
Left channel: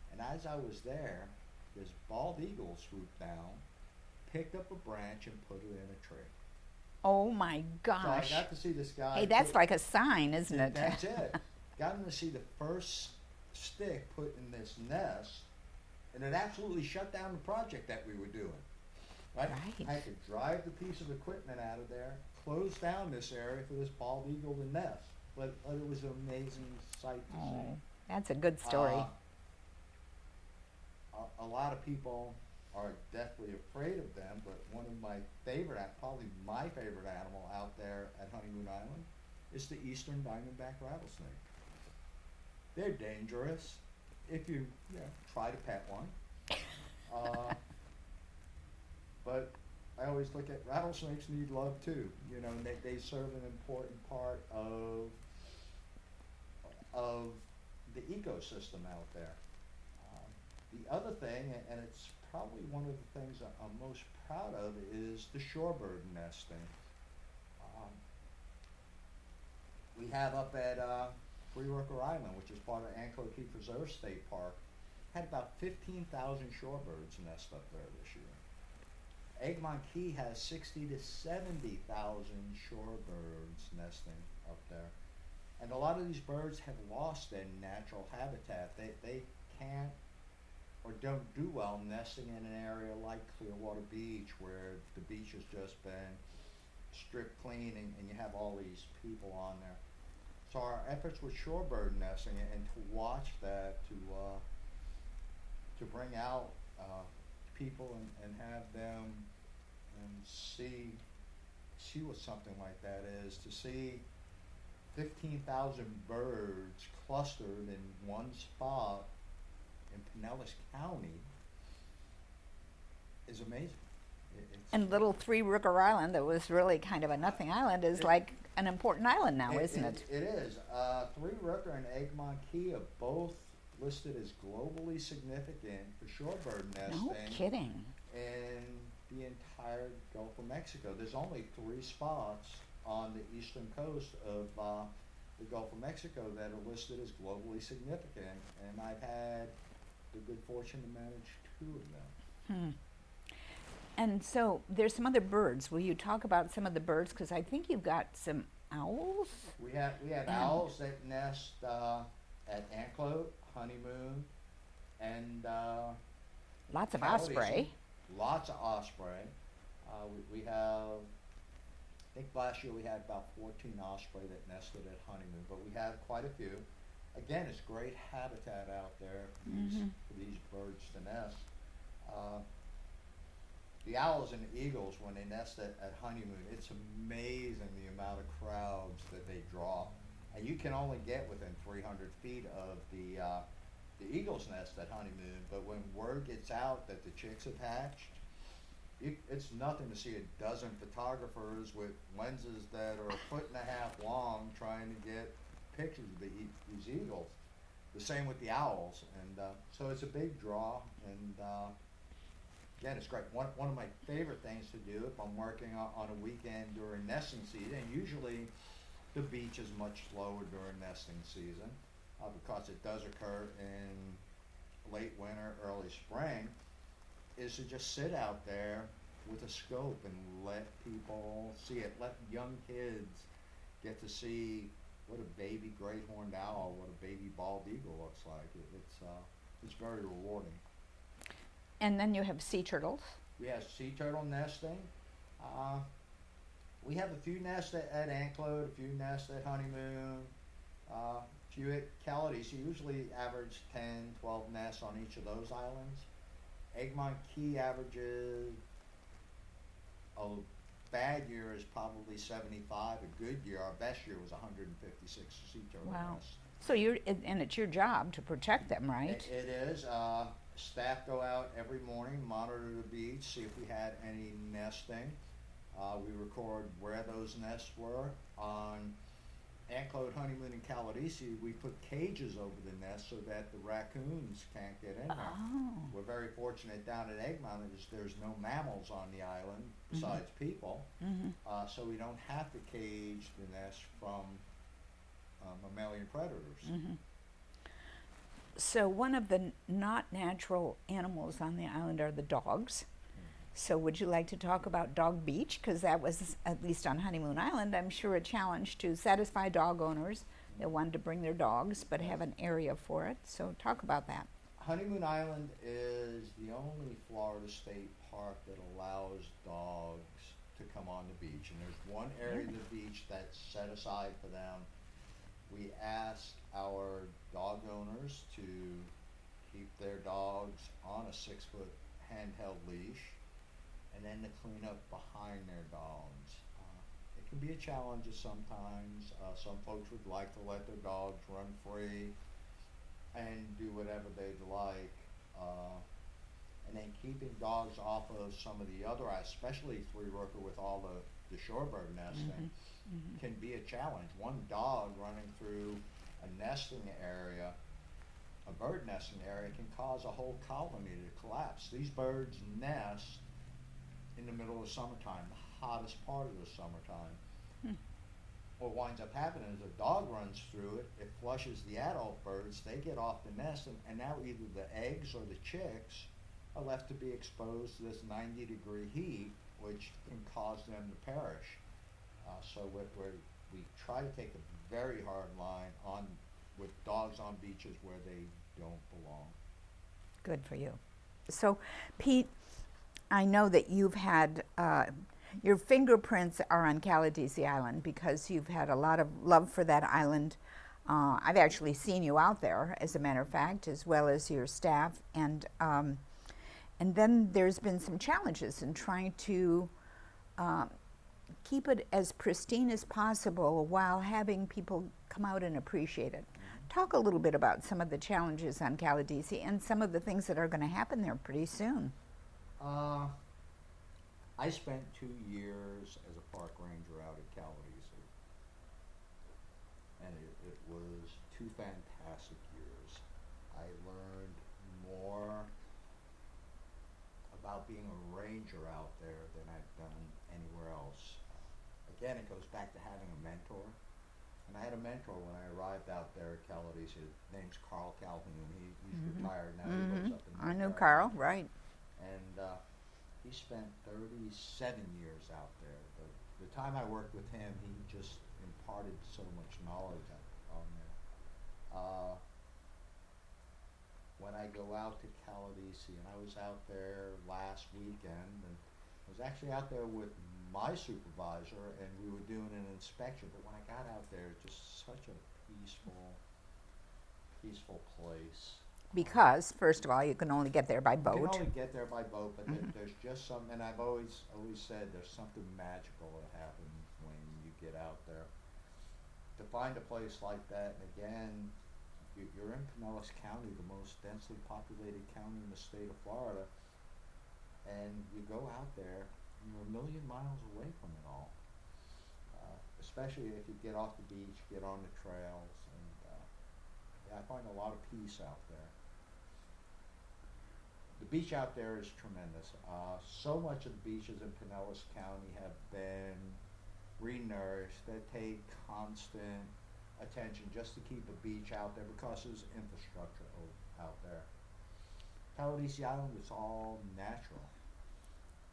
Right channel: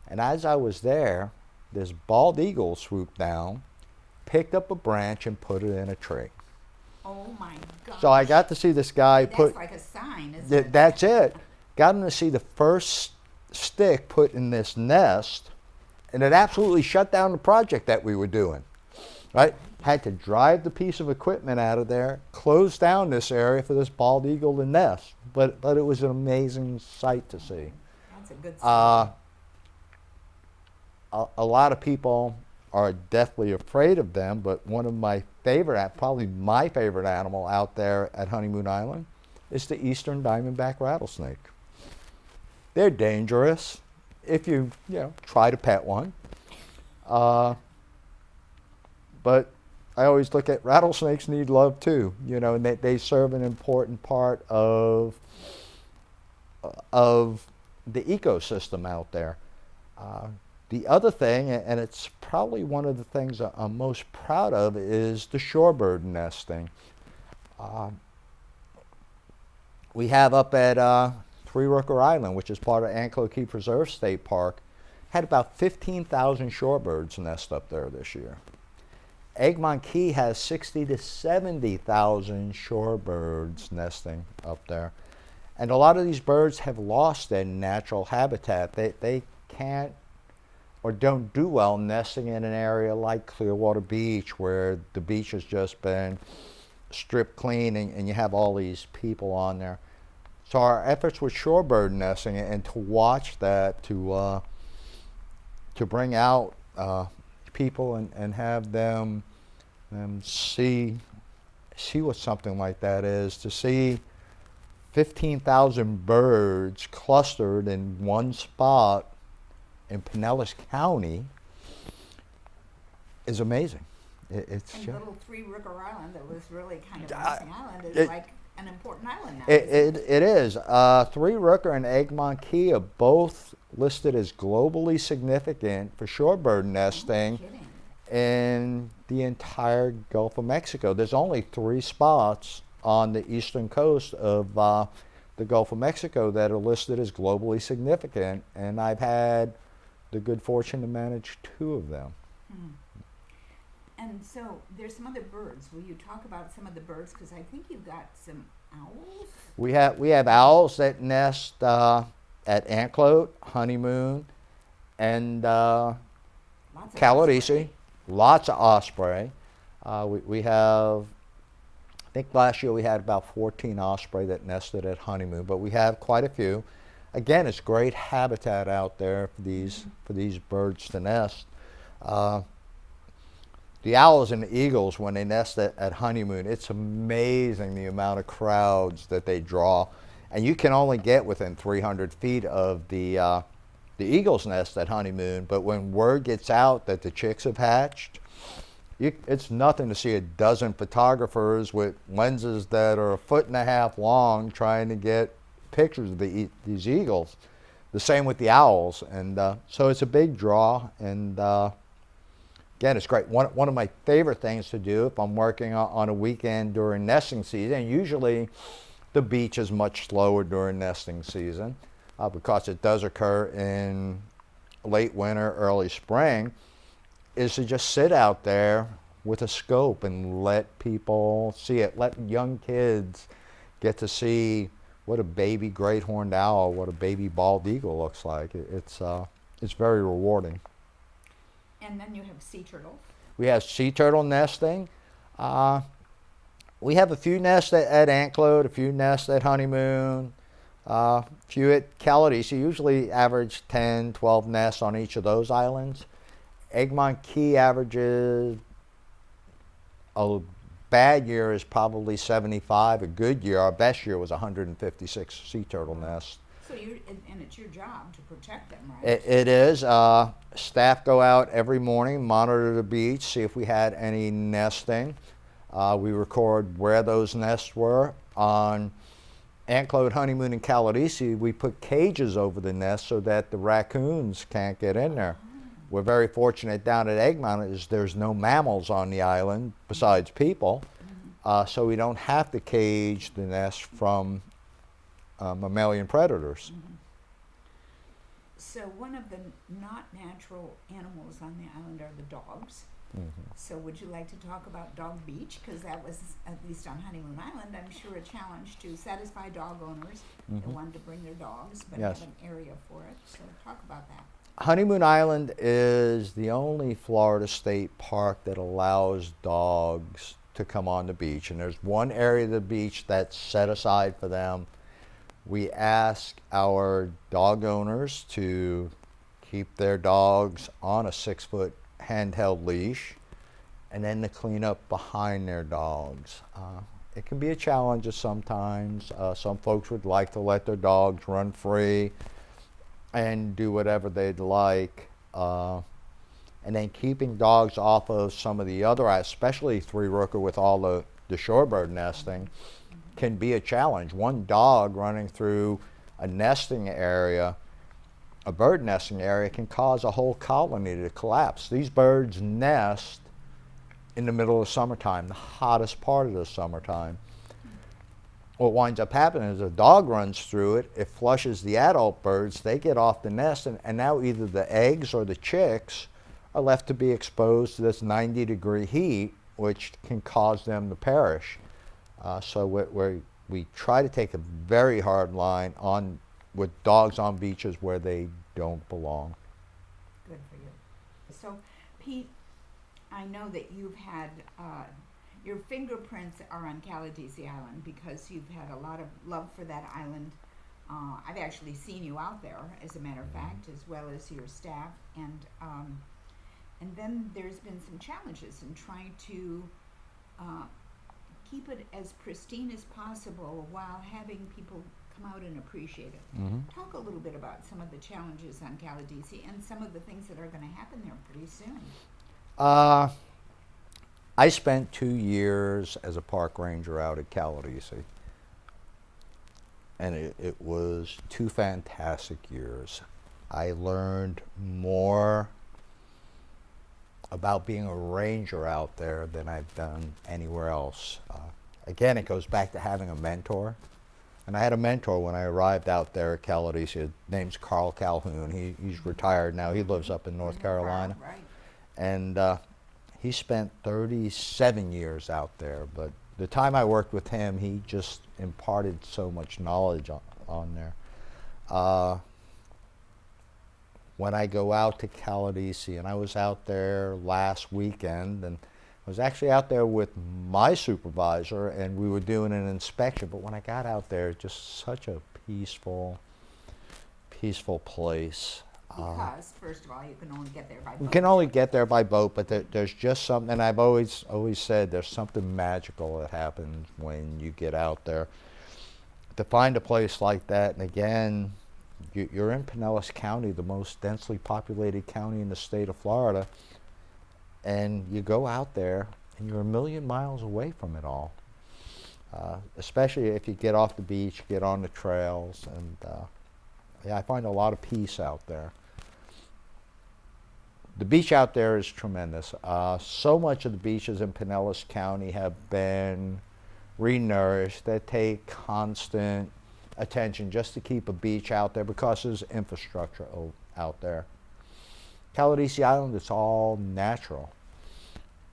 And as I was there, this bald eagle swooped down, picked up a branch, and put it in a tree. Oh my gosh. So I got to see this guy That's like a sign, isn't it? That's it. Got him to see the first stick put in this nest, and it absolutely shut down the project that we were doing. Right? Had to drive the piece of equipment out of there, close down this area for this bald eagle to nest. But it was an amazing sight to see. That's a good story. A lot of people are deathly afraid of them, but one of my favorite, probably my favorite animal out there at Honeymoon Island is the eastern diamondback rattlesnake. They're dangerous if you try to pet one. But I always look at rattlesnakes need love too, and they serve an important part of of the ecosystem out there. The other thing, and it's probably one of the things I'm most proud of, is the shorebird nesting. We have up at Three Rooker Island, which is part of Anklo Key Preserve State Park, had about 15,000 shorebirds nest up there this year. Egmont Key has 60 to 70,000 shorebirds nesting up there. And a lot of these birds have lost their natural habitat. They can't or don't do well nesting in an area like Clearwater Beach, where the beach has just been stripped clean and you have all these people on there. So our efforts with shorebird nesting and to watch that, to bring out people and have them see what something like that is, to see 15,000 birds clustered in one spot in Pinellas County is amazing. And little Three Rooker Island, that was really kind of a nesting island, is like an important island now, isn't it? It is. Three Rooker and Egmont Key are both listed as globally significant for shorebird nesting. No kidding. In the entire Gulf of Mexico. There's only 3 spots on the eastern coast of the Gulf of Mexico that are listed as globally significant, and I've had the good fortune to manage 2 of them. And so there's some other birds. Will you talk about some of the birds? Because I think you've got some owls. We have owls that nest at Anklote, Honeymoon, and Lots of Caladesi. osprey. Lots of osprey. We have, I think last year we had about 14 osprey that nested at Honeymoon, but we have quite a few. Again, it's great habitat out there for these birds to nest. The owls and the eagles, when they nest at Honeymoon, it's amazing the amount of crowds that they draw. And you can only get within 300 feet of the eagle's nest at Honeymoon, but when word gets out that the chicks have hatched, it's nothing to see a dozen photographers with lenses that are 1.5 feet long trying to get pictures of these eagles. The same with the owls, and so it's a big draw, and again, it's great. One of my favorite things to do if I'm working on a weekend during nesting season, and usually the beach is much slower during nesting season, because it does occur in late winter, early spring, is to just sit out there with a scope and let people see it. Let young kids get to see what a baby great horned owl, what a baby bald eagle looks like. It's very rewarding. And then you have sea turtles. We have sea turtle nesting. We have a few nests at Anklote, a few nests at Honeymoon, a few at Caladesi. Usually average 10, 12 nests on each of those islands. Egmont Key averages, a bad year is probably 75. A good year, our best year was 156 sea turtle nests. So and it's your job to protect them, right? It is. Staff go out every morning, monitor the beach, see if we had any nesting. We record where those nests were. On Anklote, Honeymoon, and Caladesi, we put cages over the nests so that the raccoons can't get in there. We're very fortunate down at Egmont is there's no mammals on the island besides people, so we don't have to cage the nest from mammalian predators. So one of the not natural animals on the island are the dogs. So would you like to talk about Dog Beach? Because that was, at least on Honeymoon Island, I'm sure a challenge to satisfy dog owners that wanted to bring their dogs but have an area for it. So talk about that. Honeymoon Island is the only Florida state park that allows dogs to come on the beach, and there's one area of the beach that's set aside for them. We ask our dog owners to keep their dogs on a 6-foot handheld leash and then to clean up behind their dogs. It can be a challenge sometimes. Some folks would like to let their dogs run free and do whatever they'd like. And then keeping dogs off of some of the other, especially Three Rooker with all the shorebird nesting, can be a challenge. One dog running through a nesting area, a bird nesting area, can cause a whole colony to collapse. These birds nest in the middle of summertime, the hottest part of the summertime. What winds up happening is a dog runs through it, it flushes the adult birds, they get off the nest, and now either the eggs or the chicks are left to be exposed to this 90-degree heat, which can cause them to perish. So we try to take a very hard line on with dogs on beaches where they don't belong. Good for you. So, Pete, I know that you've had, your fingerprints are on Caladesi Island because you've had a lot of love for that island. I've actually seen you out there, as a matter of fact, as well as your staff. And then there's been some challenges in trying to keep it as pristine as possible while having people come out and appreciate it. Talk a little bit about some of the challenges on Caladesi and some of the things that are going to happen there pretty soon. I spent 2 years as a park ranger out at Caladesi, and it was 2 fantastic years. I learned more about being a ranger out there than I've done anywhere else. Again, it goes back to having a mentor. And I had a mentor when I arrived out there at Caladesi. His name's Carl Calhoun. He's retired now. He lives up in North Carolina. Carl, right. And he spent 37 years out there. But the time I worked with him, he just imparted so much knowledge on there. When I go out to Caladesi, and I was out there last weekend, and I was actually out there with my supervisor, and we were doing an inspection. But when I got out there, just such a peaceful place. Because, first of all, you can only get there by boat. You can only get there by boat, but there's just something, and I've always said there's something magical that happens when you get out there. To find a place like that, and again, you're in Pinellas County, the most densely populated county in the state of Florida, and you go out there and you're a million miles away from it all. Especially if you get off the beach, get on the trails, and yeah, I find a lot of peace out there. The beach out there is tremendous. So much of the beaches in Pinellas County have been renourished. They take constant attention just to keep a beach out there because there's infrastructure out there. Caladesi Island, it's all natural.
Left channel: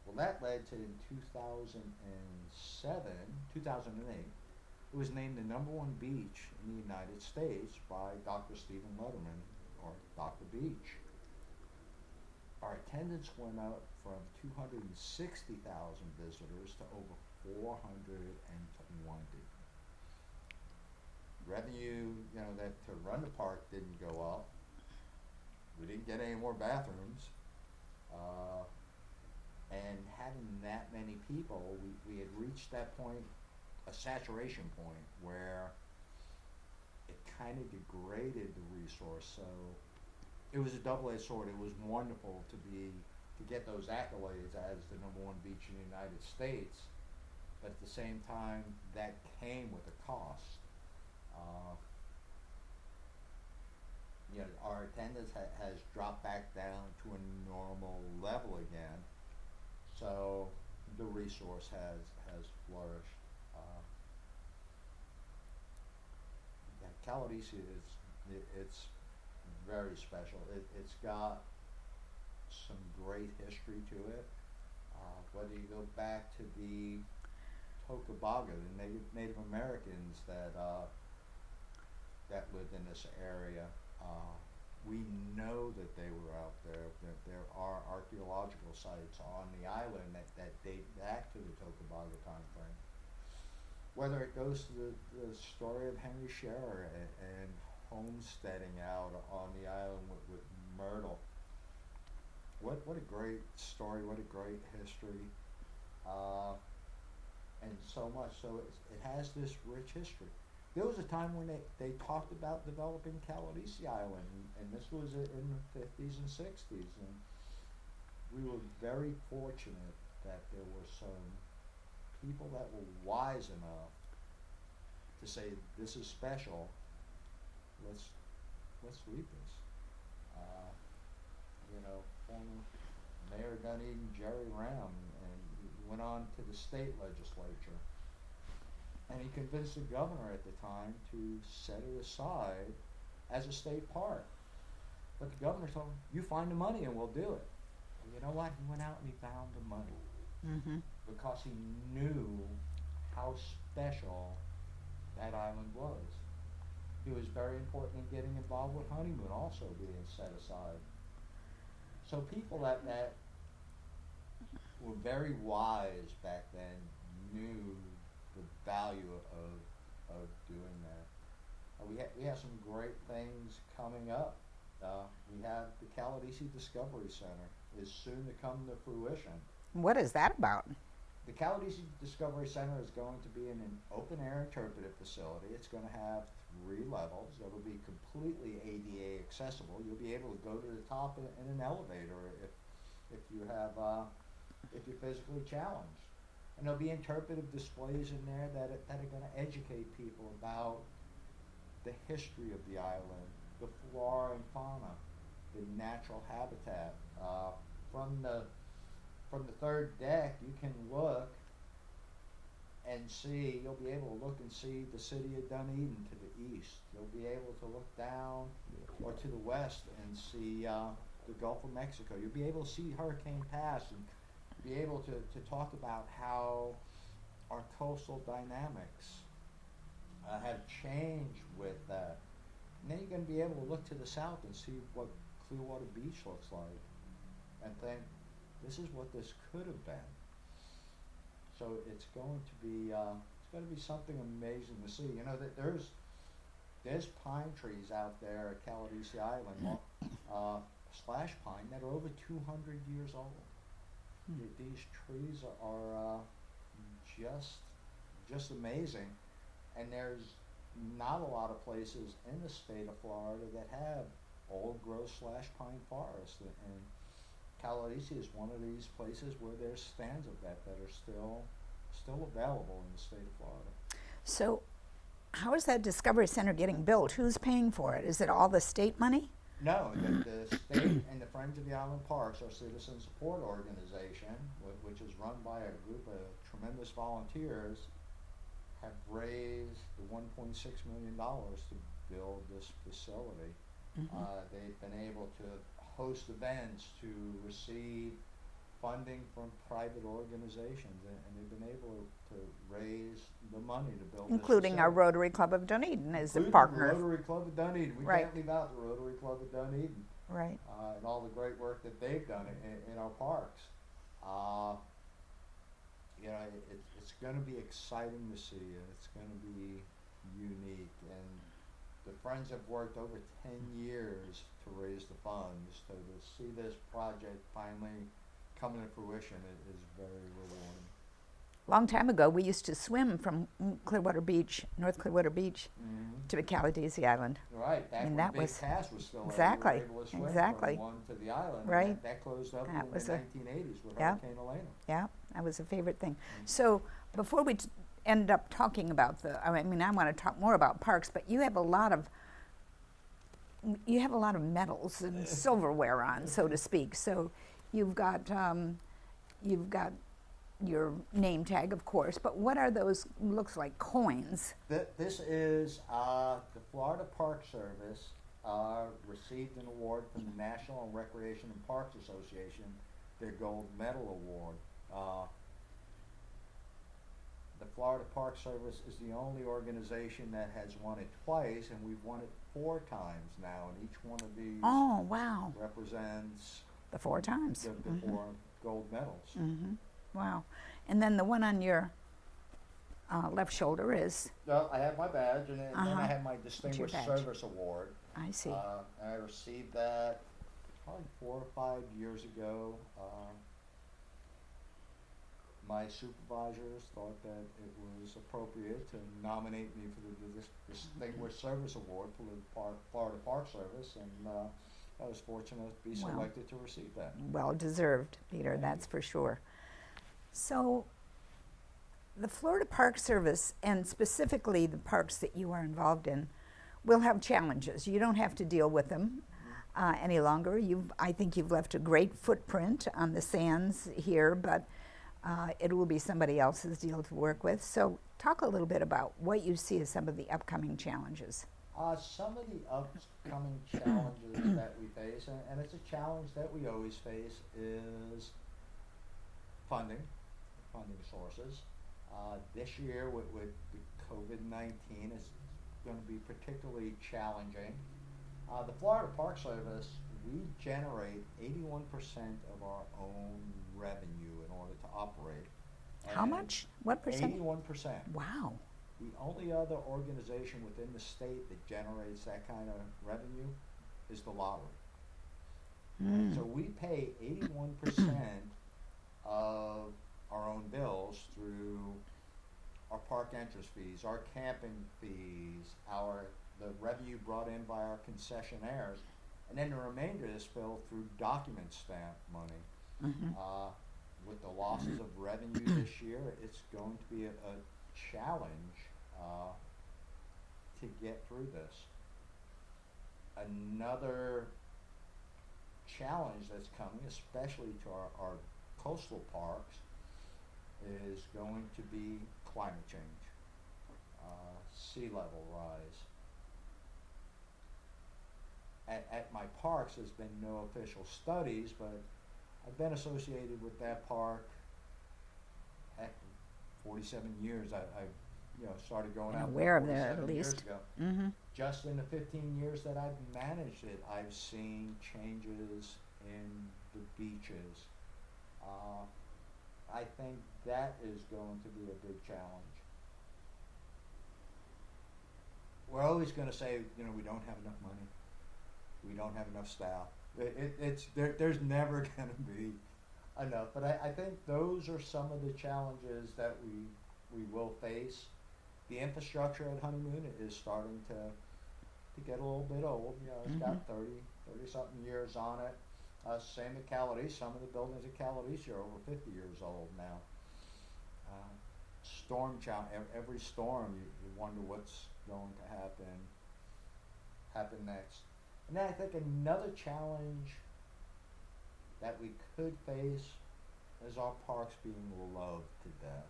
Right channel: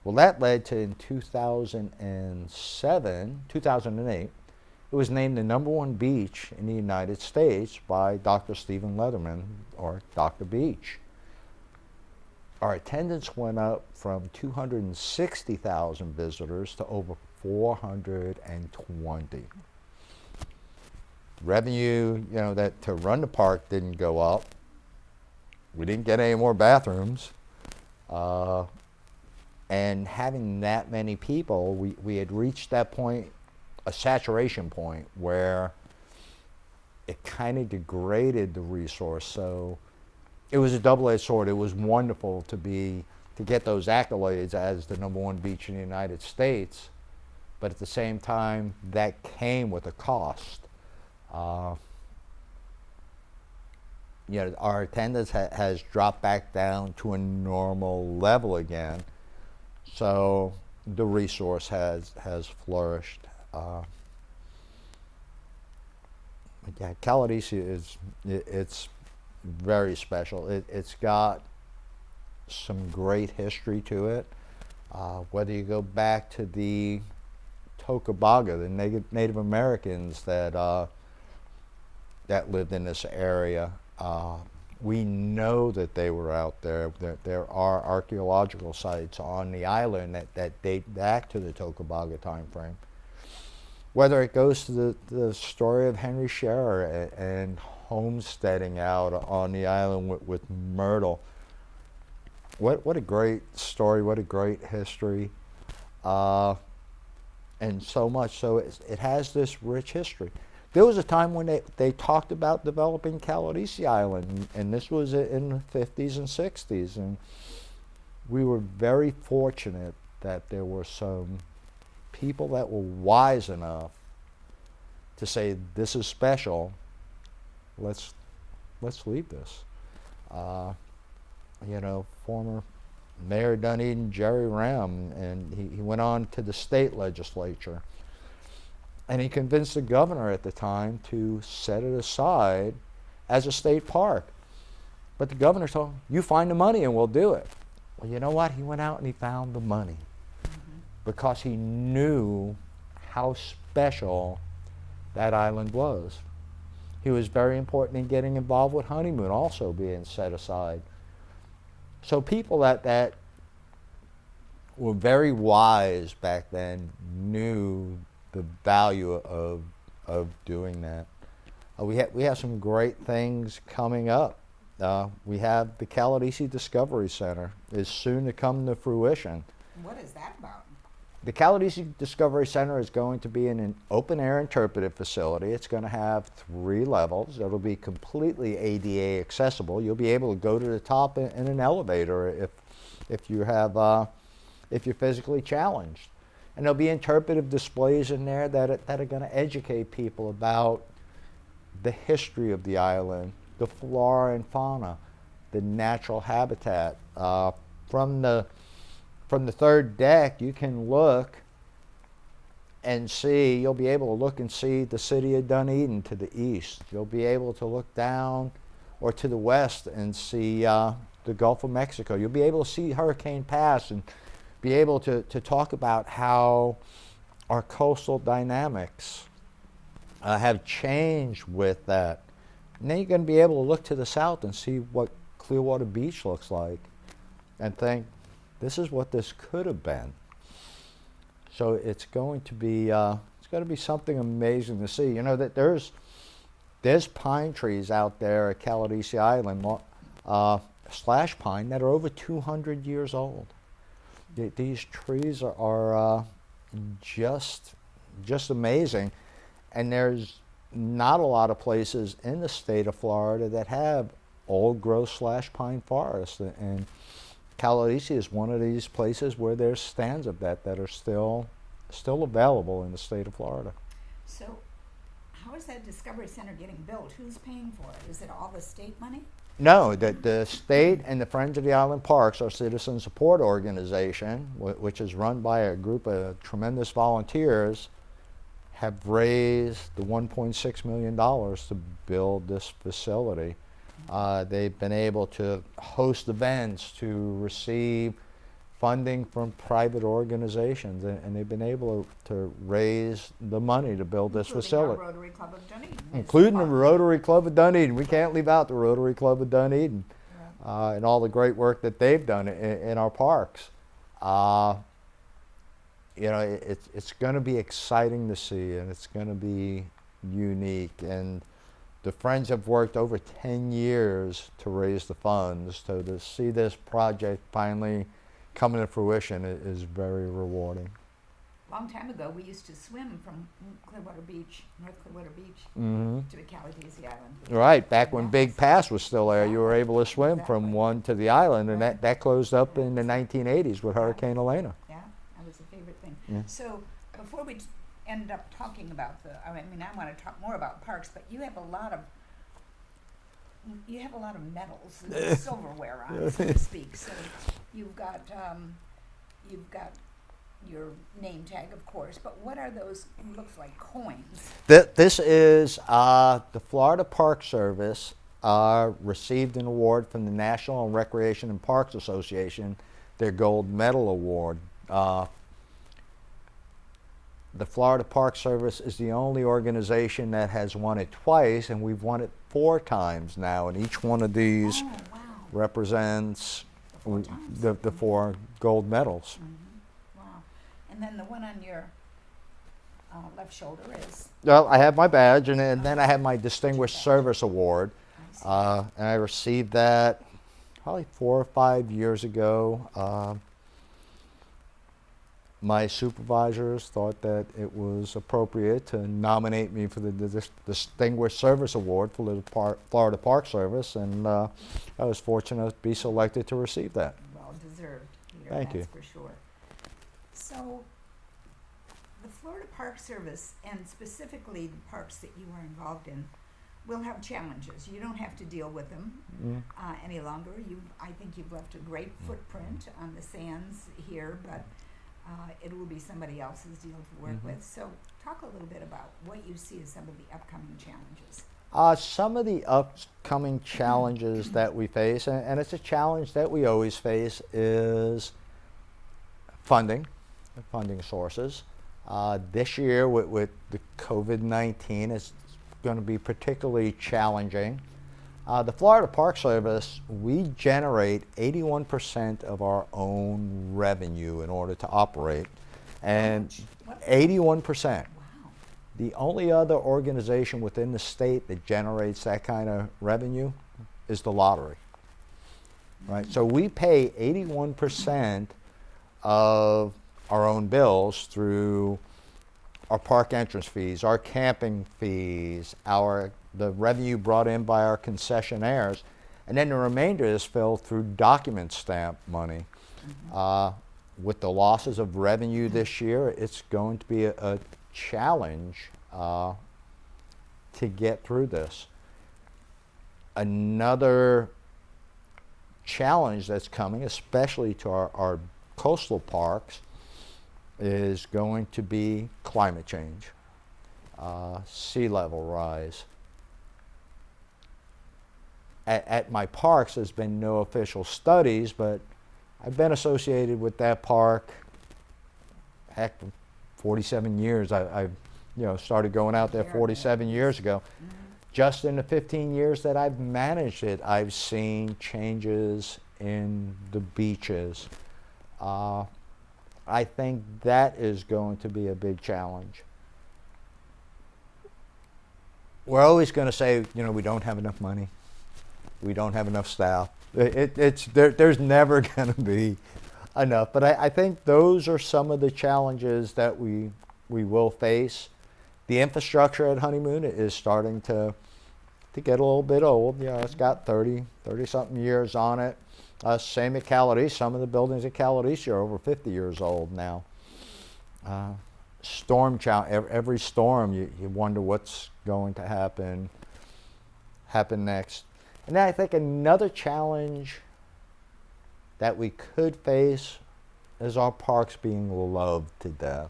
Well, that led to, in 2008, it was named the #1 beach in the United States by Dr. Stephen Leatherman, or Dr. Beach. Our attendance went up from 260,000 visitors to over 420. Revenue, that to run the park didn't go up. We didn't get any more bathrooms. And having that many people, we had reached that point, a saturation point, where it kind of degraded the resource. So it was a double-edged sword. It was wonderful to get those accolades as the #1 beach in the United States, but at the same time, that came with a cost. Our attendance has dropped back down to a normal level again, so the resource has flourished. Yeah, Caladesi it's very special. It's got some great history to it. Whether you go back to the Tocobaga, the Native Americans that lived in this area, we know that they were out there. There are archaeological sites on the island that date back to the Tocobaga time frame. Whether it goes to the story of Henry Scherer and homesteading out on the island with Myrtle. What a great story, what a great history. And so much so it has this rich history. There was a time when they talked about developing Caladesi Island, and this was in the 50s and 60s, and we were very fortunate that there were some people that were wise enough to say this is special, let's leave this. Former Mayor Dunedin, Jerry Ram, and he went on to the state legislature. And he convinced the governor at the time to set it aside as a state park. But the governor told him, you find the money and we'll do it. Well, you know what? He went out and he found the money because he knew how special that island was. He was very important in getting involved with Honeymoon also being set aside. So people that were very wise back then knew the value of doing that. We have some great things coming up. We have the Caladesi Discovery Center is soon to come to fruition. What is that about? The Caladesi Discovery Center is going to be an open-air interpretive facility. It's going to have 3 levels. It'll be completely ADA accessible. You'll be able to go to the top in an elevator if you're physically challenged. And there'll be interpretive displays in there that are going to educate people about the history of the island, the flora and fauna, the natural habitat. From the 3rd deck, you can look and see, you'll be able to look and see the city of Dunedin to the east. You'll be able to look down or to the west and see the Gulf of Mexico. You'll be able to see Hurricane Pass and be able to talk about how our coastal dynamics have changed with that. And then you're going to be able to look to the south and see what Clearwater Beach looks like and think, this is what this could have been. So it's going to be something amazing to see. You know that there's pine trees out there at Caladesi Island, slash pine, that are over 200 years old. These trees are just amazing, and there's not a lot of places in the state of Florida that have old growth slash pine forests, and Caladesi is one of these places where there's stands of that are still available in the state of Florida. So how is that Discovery Center getting built? Who's paying for it? Is it all the state money? No, the state and the Friends of the Island Parks, our citizen support organization, which is run by a group of tremendous volunteers, have raised the $1.6 million to build this facility. They've been able to host events, to receive funding from private organizations, and they've been able to raise the money to build this facility. Including our Rotary Club of Dunedin. Including the Rotary Club of Dunedin. We can't leave out the Rotary Club of Dunedin. Right. And all the great work that they've done in our parks. It's going to be exciting to see, and it's going to be unique. And the Friends have worked over 10 years to raise the funds. So to see this project finally coming to fruition is very rewarding. Long time ago, we used to swim from Clearwater Beach, North Clearwater Beach, to the Caladesi Island. Right, back when Big Pass was still there, you were Exactly. able to swim from one to the island, and Right. that closed up That in the was 1980s with Hurricane Elena. Yeah, that was a favorite thing. So before we end up talking about I want to talk more about parks, but you have a lot of medals and silverware on, so to speak. So you've got your name tag, of course, but what are those? Looks like coins. This is the Florida Park Service received an award from the National Recreation and Parks Association, their Gold Medal Award. The Florida Park Service is the only organization that has won it twice, and we've won it 4 times now, and each one of these represents The 4 times. the 4 gold medals. Wow. And then the one on your left shoulder is? Well, I have my badge, and then I have my Distinguished badge. Service Award. I see. And I received that probably 4 or 5 years ago. My supervisors thought that it was appropriate to nominate me for the Distinguished Service Award for the Florida Park Service, and I was fortunate to be selected to receive that. Well deserved, Peter, Thank that's you. for sure. So the Florida Park Service, and specifically the parks that you are involved in, will have challenges. You don't have to deal with them any longer. I think you've left a great footprint on the sands here, but it will be somebody else's deal to work with. So talk a little bit about what you see as some of the upcoming challenges. Some of the upcoming challenges that we face, and it's a challenge that we always face, is funding sources. This year with the COVID-19, it's going to be particularly challenging. The Florida Park Service, we generate 81% of our own revenue in order to operate. And How much? What percent? 81%. Wow. The only other organization within the state that generates that kind of revenue is the lottery. Right? So we pay 81% of our own bills through our park entrance fees, our camping fees, the revenue brought in by our concessionaires, and then the remainder is filled through document stamp money. With the losses of revenue this year, it's going to be a challenge to get through this. Another challenge that's coming, especially to our coastal parks, is going to be climate change, sea level rise. At my parks, there's been no official studies, but I've been associated with that park, heck, 47 years. I've started going out there 47 years ago. Just in the 15 years that I've managed it, I've seen changes in the beaches. I think that is going to be a big challenge. We're always going to say, we don't have enough money. We don't have enough staff. There's never going to be enough. But I think those are some of the challenges that we will face. The infrastructure at Honeymoon is starting to get a little bit old. It's got 30-something years on it. Same at Calidisi. Some of the buildings at Calidisi are over 50 years old now. Storm challenge. Every storm, you wonder what's going to happen next. And then I think another challenge that we could face is our parks being loved to death.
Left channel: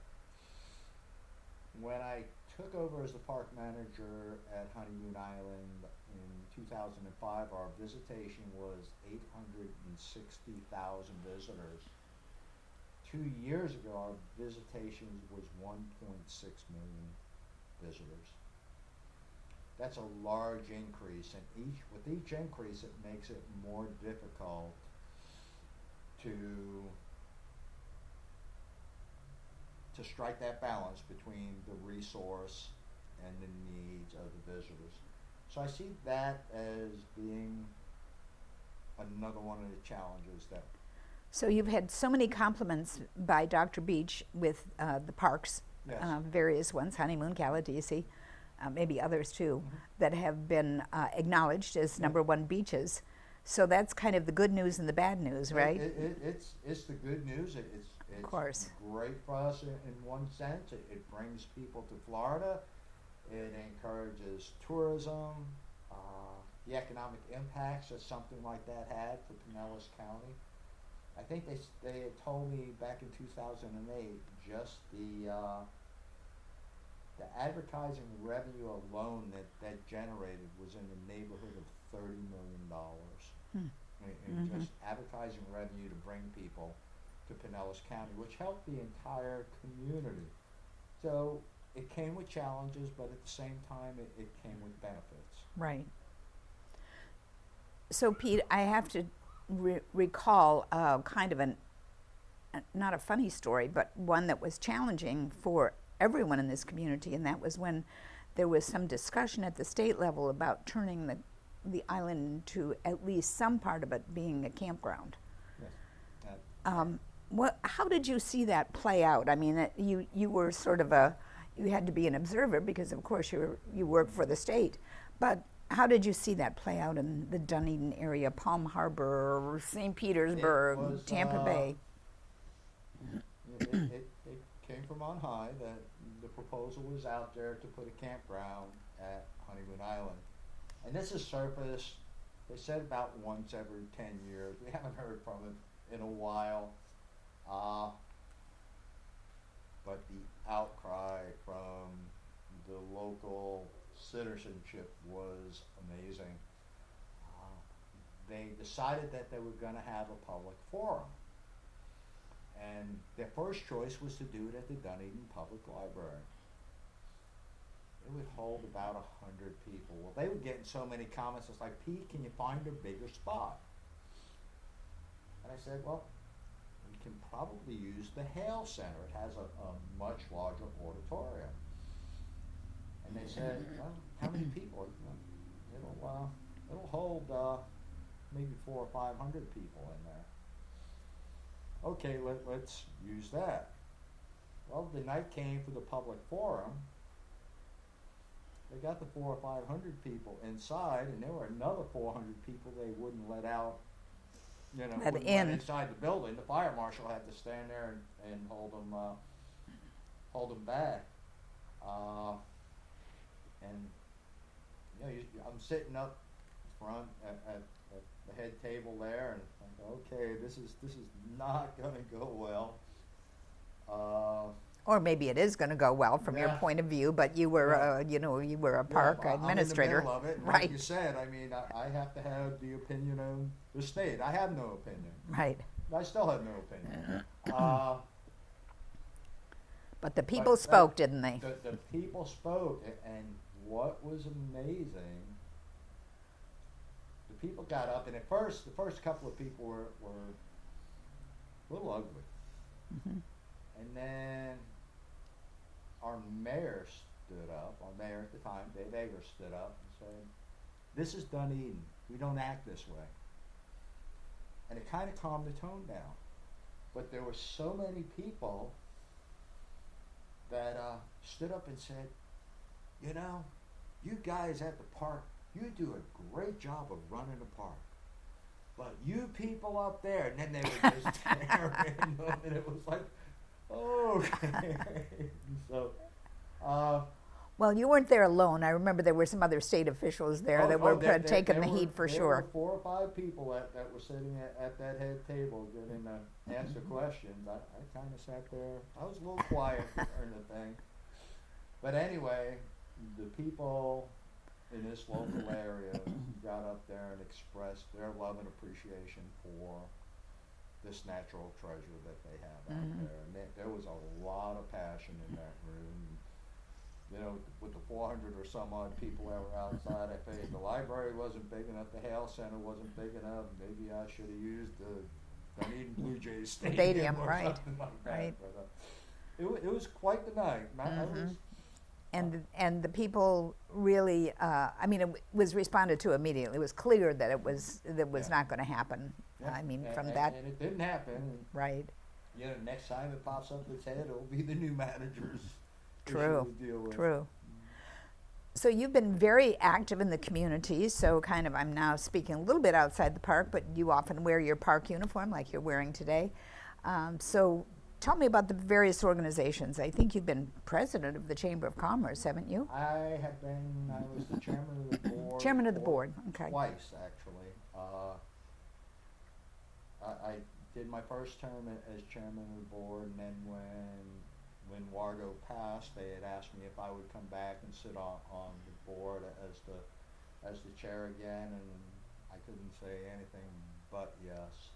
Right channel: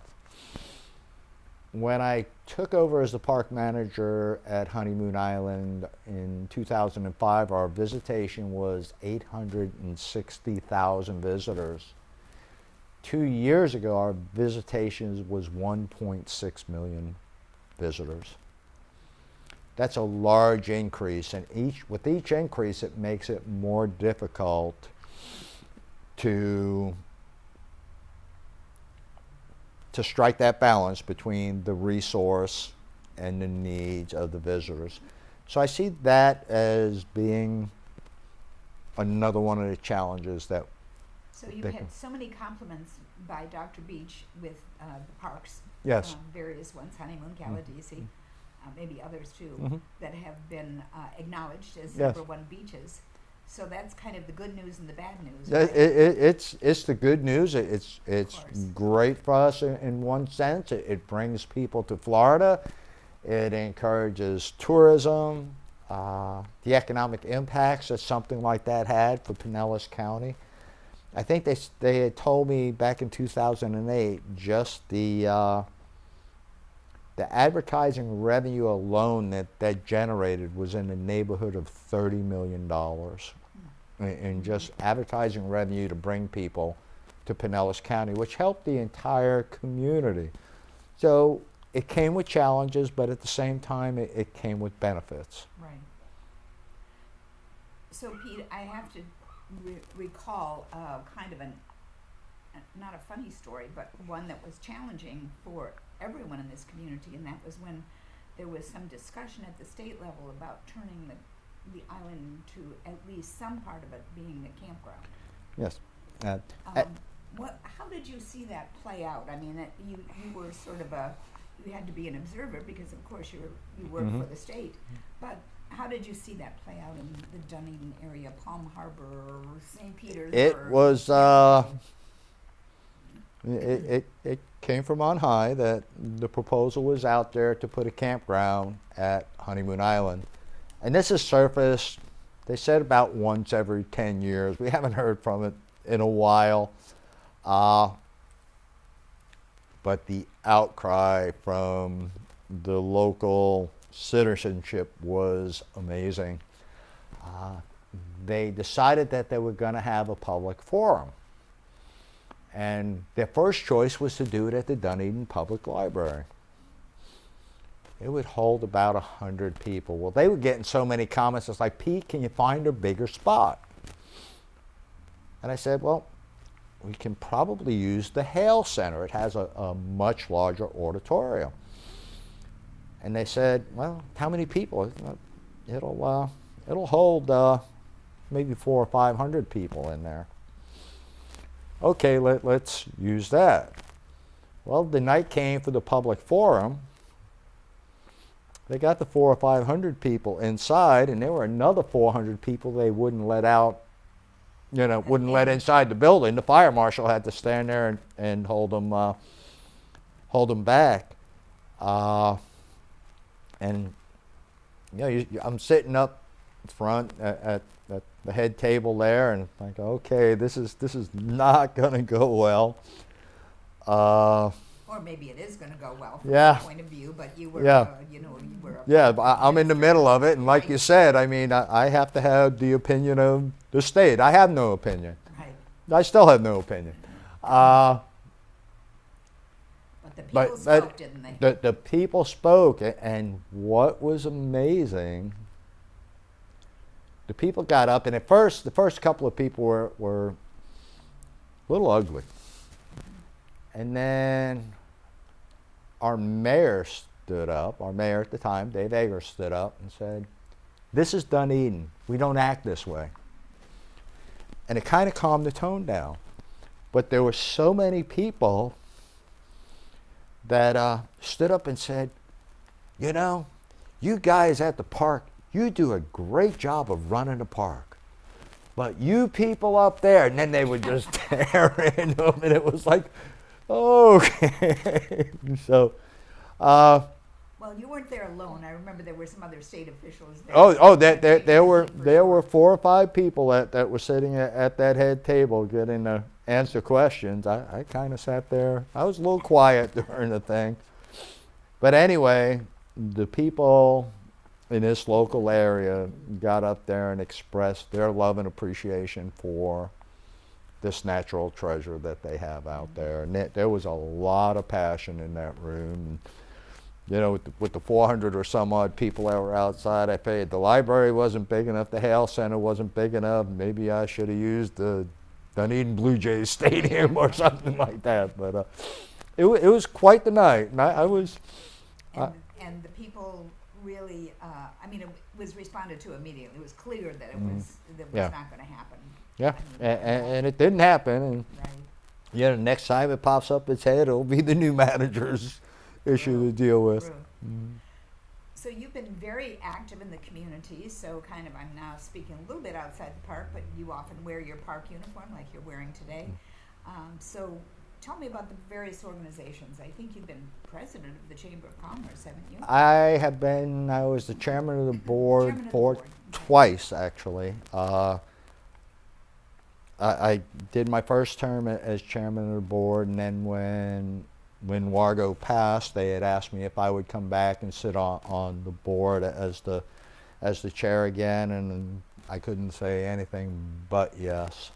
When I took over as the park manager at Honeymoon Island in 2005, our visitation was 860,000 visitors. 2 years ago, our visitations was 1.6 million visitors. That's a large increase, and with each increase, it makes it more difficult to strike that balance between the resource and the needs of the visitors. So I see that as being another one of the challenges that. So you've had so many compliments by Dr. Beach with the parks, yes, various ones, Honeymoon, Calidisi, maybe others too, that have been acknowledged as #1 beaches. So that's kind of the good news and the bad news, right? It's the good news. It's great for us in one sense. It brings people to Florida. It encourages tourism. The economic impacts that something like that had for Pinellas County. I think they had told me back in 2008 just the advertising revenue alone that generated was in the neighborhood of $30 million in just advertising revenue to bring people to Pinellas County, which helped the entire community. So it came with challenges, but at the same time, it came with benefits. Right. So Pete, I have to recall kind of not a funny story, but one that was challenging for everyone in this community, and that was when there was some discussion at the state level about turning the island to at least some part of it being a campground. Yes. How did you see that play out? I mean, you were sort of you had to be an observer because, of course, you work for the state, but how did you see that play out in the Dunedin area, Palm Harbor, St. Petersburg? It was. It came from on high that the proposal was out there to put a campground at Honeymoon Island. And this has surfaced, they said, about once every 10 years. We haven't heard from it in a while. But the outcry from the local citizenship was amazing. They decided that they were going to have a public forum. And their first choice was to do it at the Dunedin Public Library. It would hold about 100 people. Well, they were getting so many comments. It's like, Pete, can you find a bigger spot? And I said, well, we can probably use the Hale Center. It has a much larger auditorium. And they said, well, how many people? It'll hold maybe 400 or 500 people in there. Okay, let's use that. Well, the night came for the public forum. They got the 400 or 500 people inside, and there were another 400 people they wouldn't let out, wouldn't let inside the building. The fire marshal had to stand there and hold them back. And I'm sitting up front at the head table there, and like, okay, this is not going to go well. Or maybe it is going to go well from Yeah. your point of view, but you were, you were a Yeah, park I'm in the administrator. middle of it, and like Right. you said, I mean, I have to have the opinion of the state. I have no opinion. Right. I still have no opinion. But the people But spoke, didn't they? The people spoke, and what was amazing, the people got up, and at first, the first couple of people were a little ugly. And then our mayor stood up, our mayor at the time, Dave Ager, stood up and said, this is Dunedin. We don't act this way. And it kind of calmed the tone down. But there were so many people that stood up and said, you guys at the park, you do a great job of running the park. But you people up there, and then they would just tear into them, and it was like, okay. So, Well, you weren't there alone. I remember there were some other state officials there. there were 4 or 5 people that were sitting at that head table getting to answer questions. I kind of sat there. I was a little quiet during the thing. But anyway, the people in this local area got up there and expressed their love and appreciation for this natural treasure that they have out there. And there was a lot of passion in that room. With the 400 or some odd people that were outside, I figured the library wasn't big enough, the Hale Center wasn't big enough, maybe I should have used the Dunedin Blue Jays Stadium or right. something like that. But it was quite the night, and I was... And the people really, it was responded to immediately. It was clear that it was Yeah. not going to happen. Yeah, I mean, from that- and it didn't happen. And right. the next time it pops up its head, it'll be the new manager's issue True, to deal with. True. So you've been very active in the community, so I'm now speaking a little bit outside the park, but you often wear your park uniform like you're wearing today. So tell me about the various organizations. I think you've been president of the Chamber of Commerce, haven't you? I was the chairman of the board Chairman of the for board, okay. twice, actually. I did my first term as chairman of the board, and then when Wargo passed, they had asked me if I would come back and sit on the board as the chair again, and I couldn't say anything but yes.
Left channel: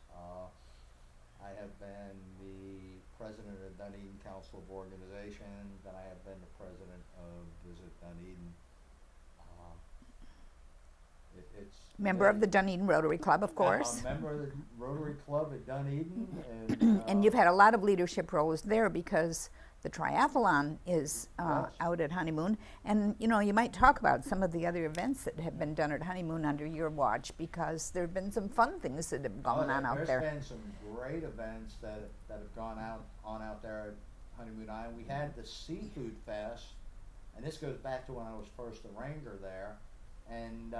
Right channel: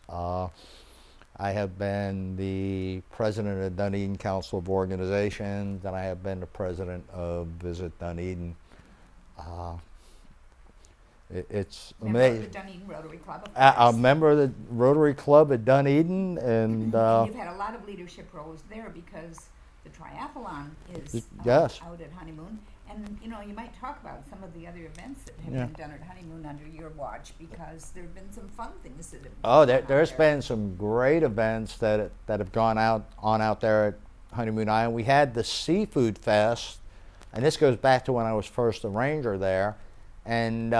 I have been the president of Dunedin Council of Organizations, and I have been the president of Visit Dunedin. It's Member of the Dunedin Rotary Club, of course. a member of the Rotary Club at Dunedin, and And you've had a lot of leadership roles there because the triathlon is Yes. out at Honeymoon. And, you might talk about some of the other events that have been done at Honeymoon under your watch, because there have been some fun things that have gone on there's out there. been some great events that have gone out there at Honeymoon Island. We had the Seafood Fest, and this goes back to when I was first a ranger there, and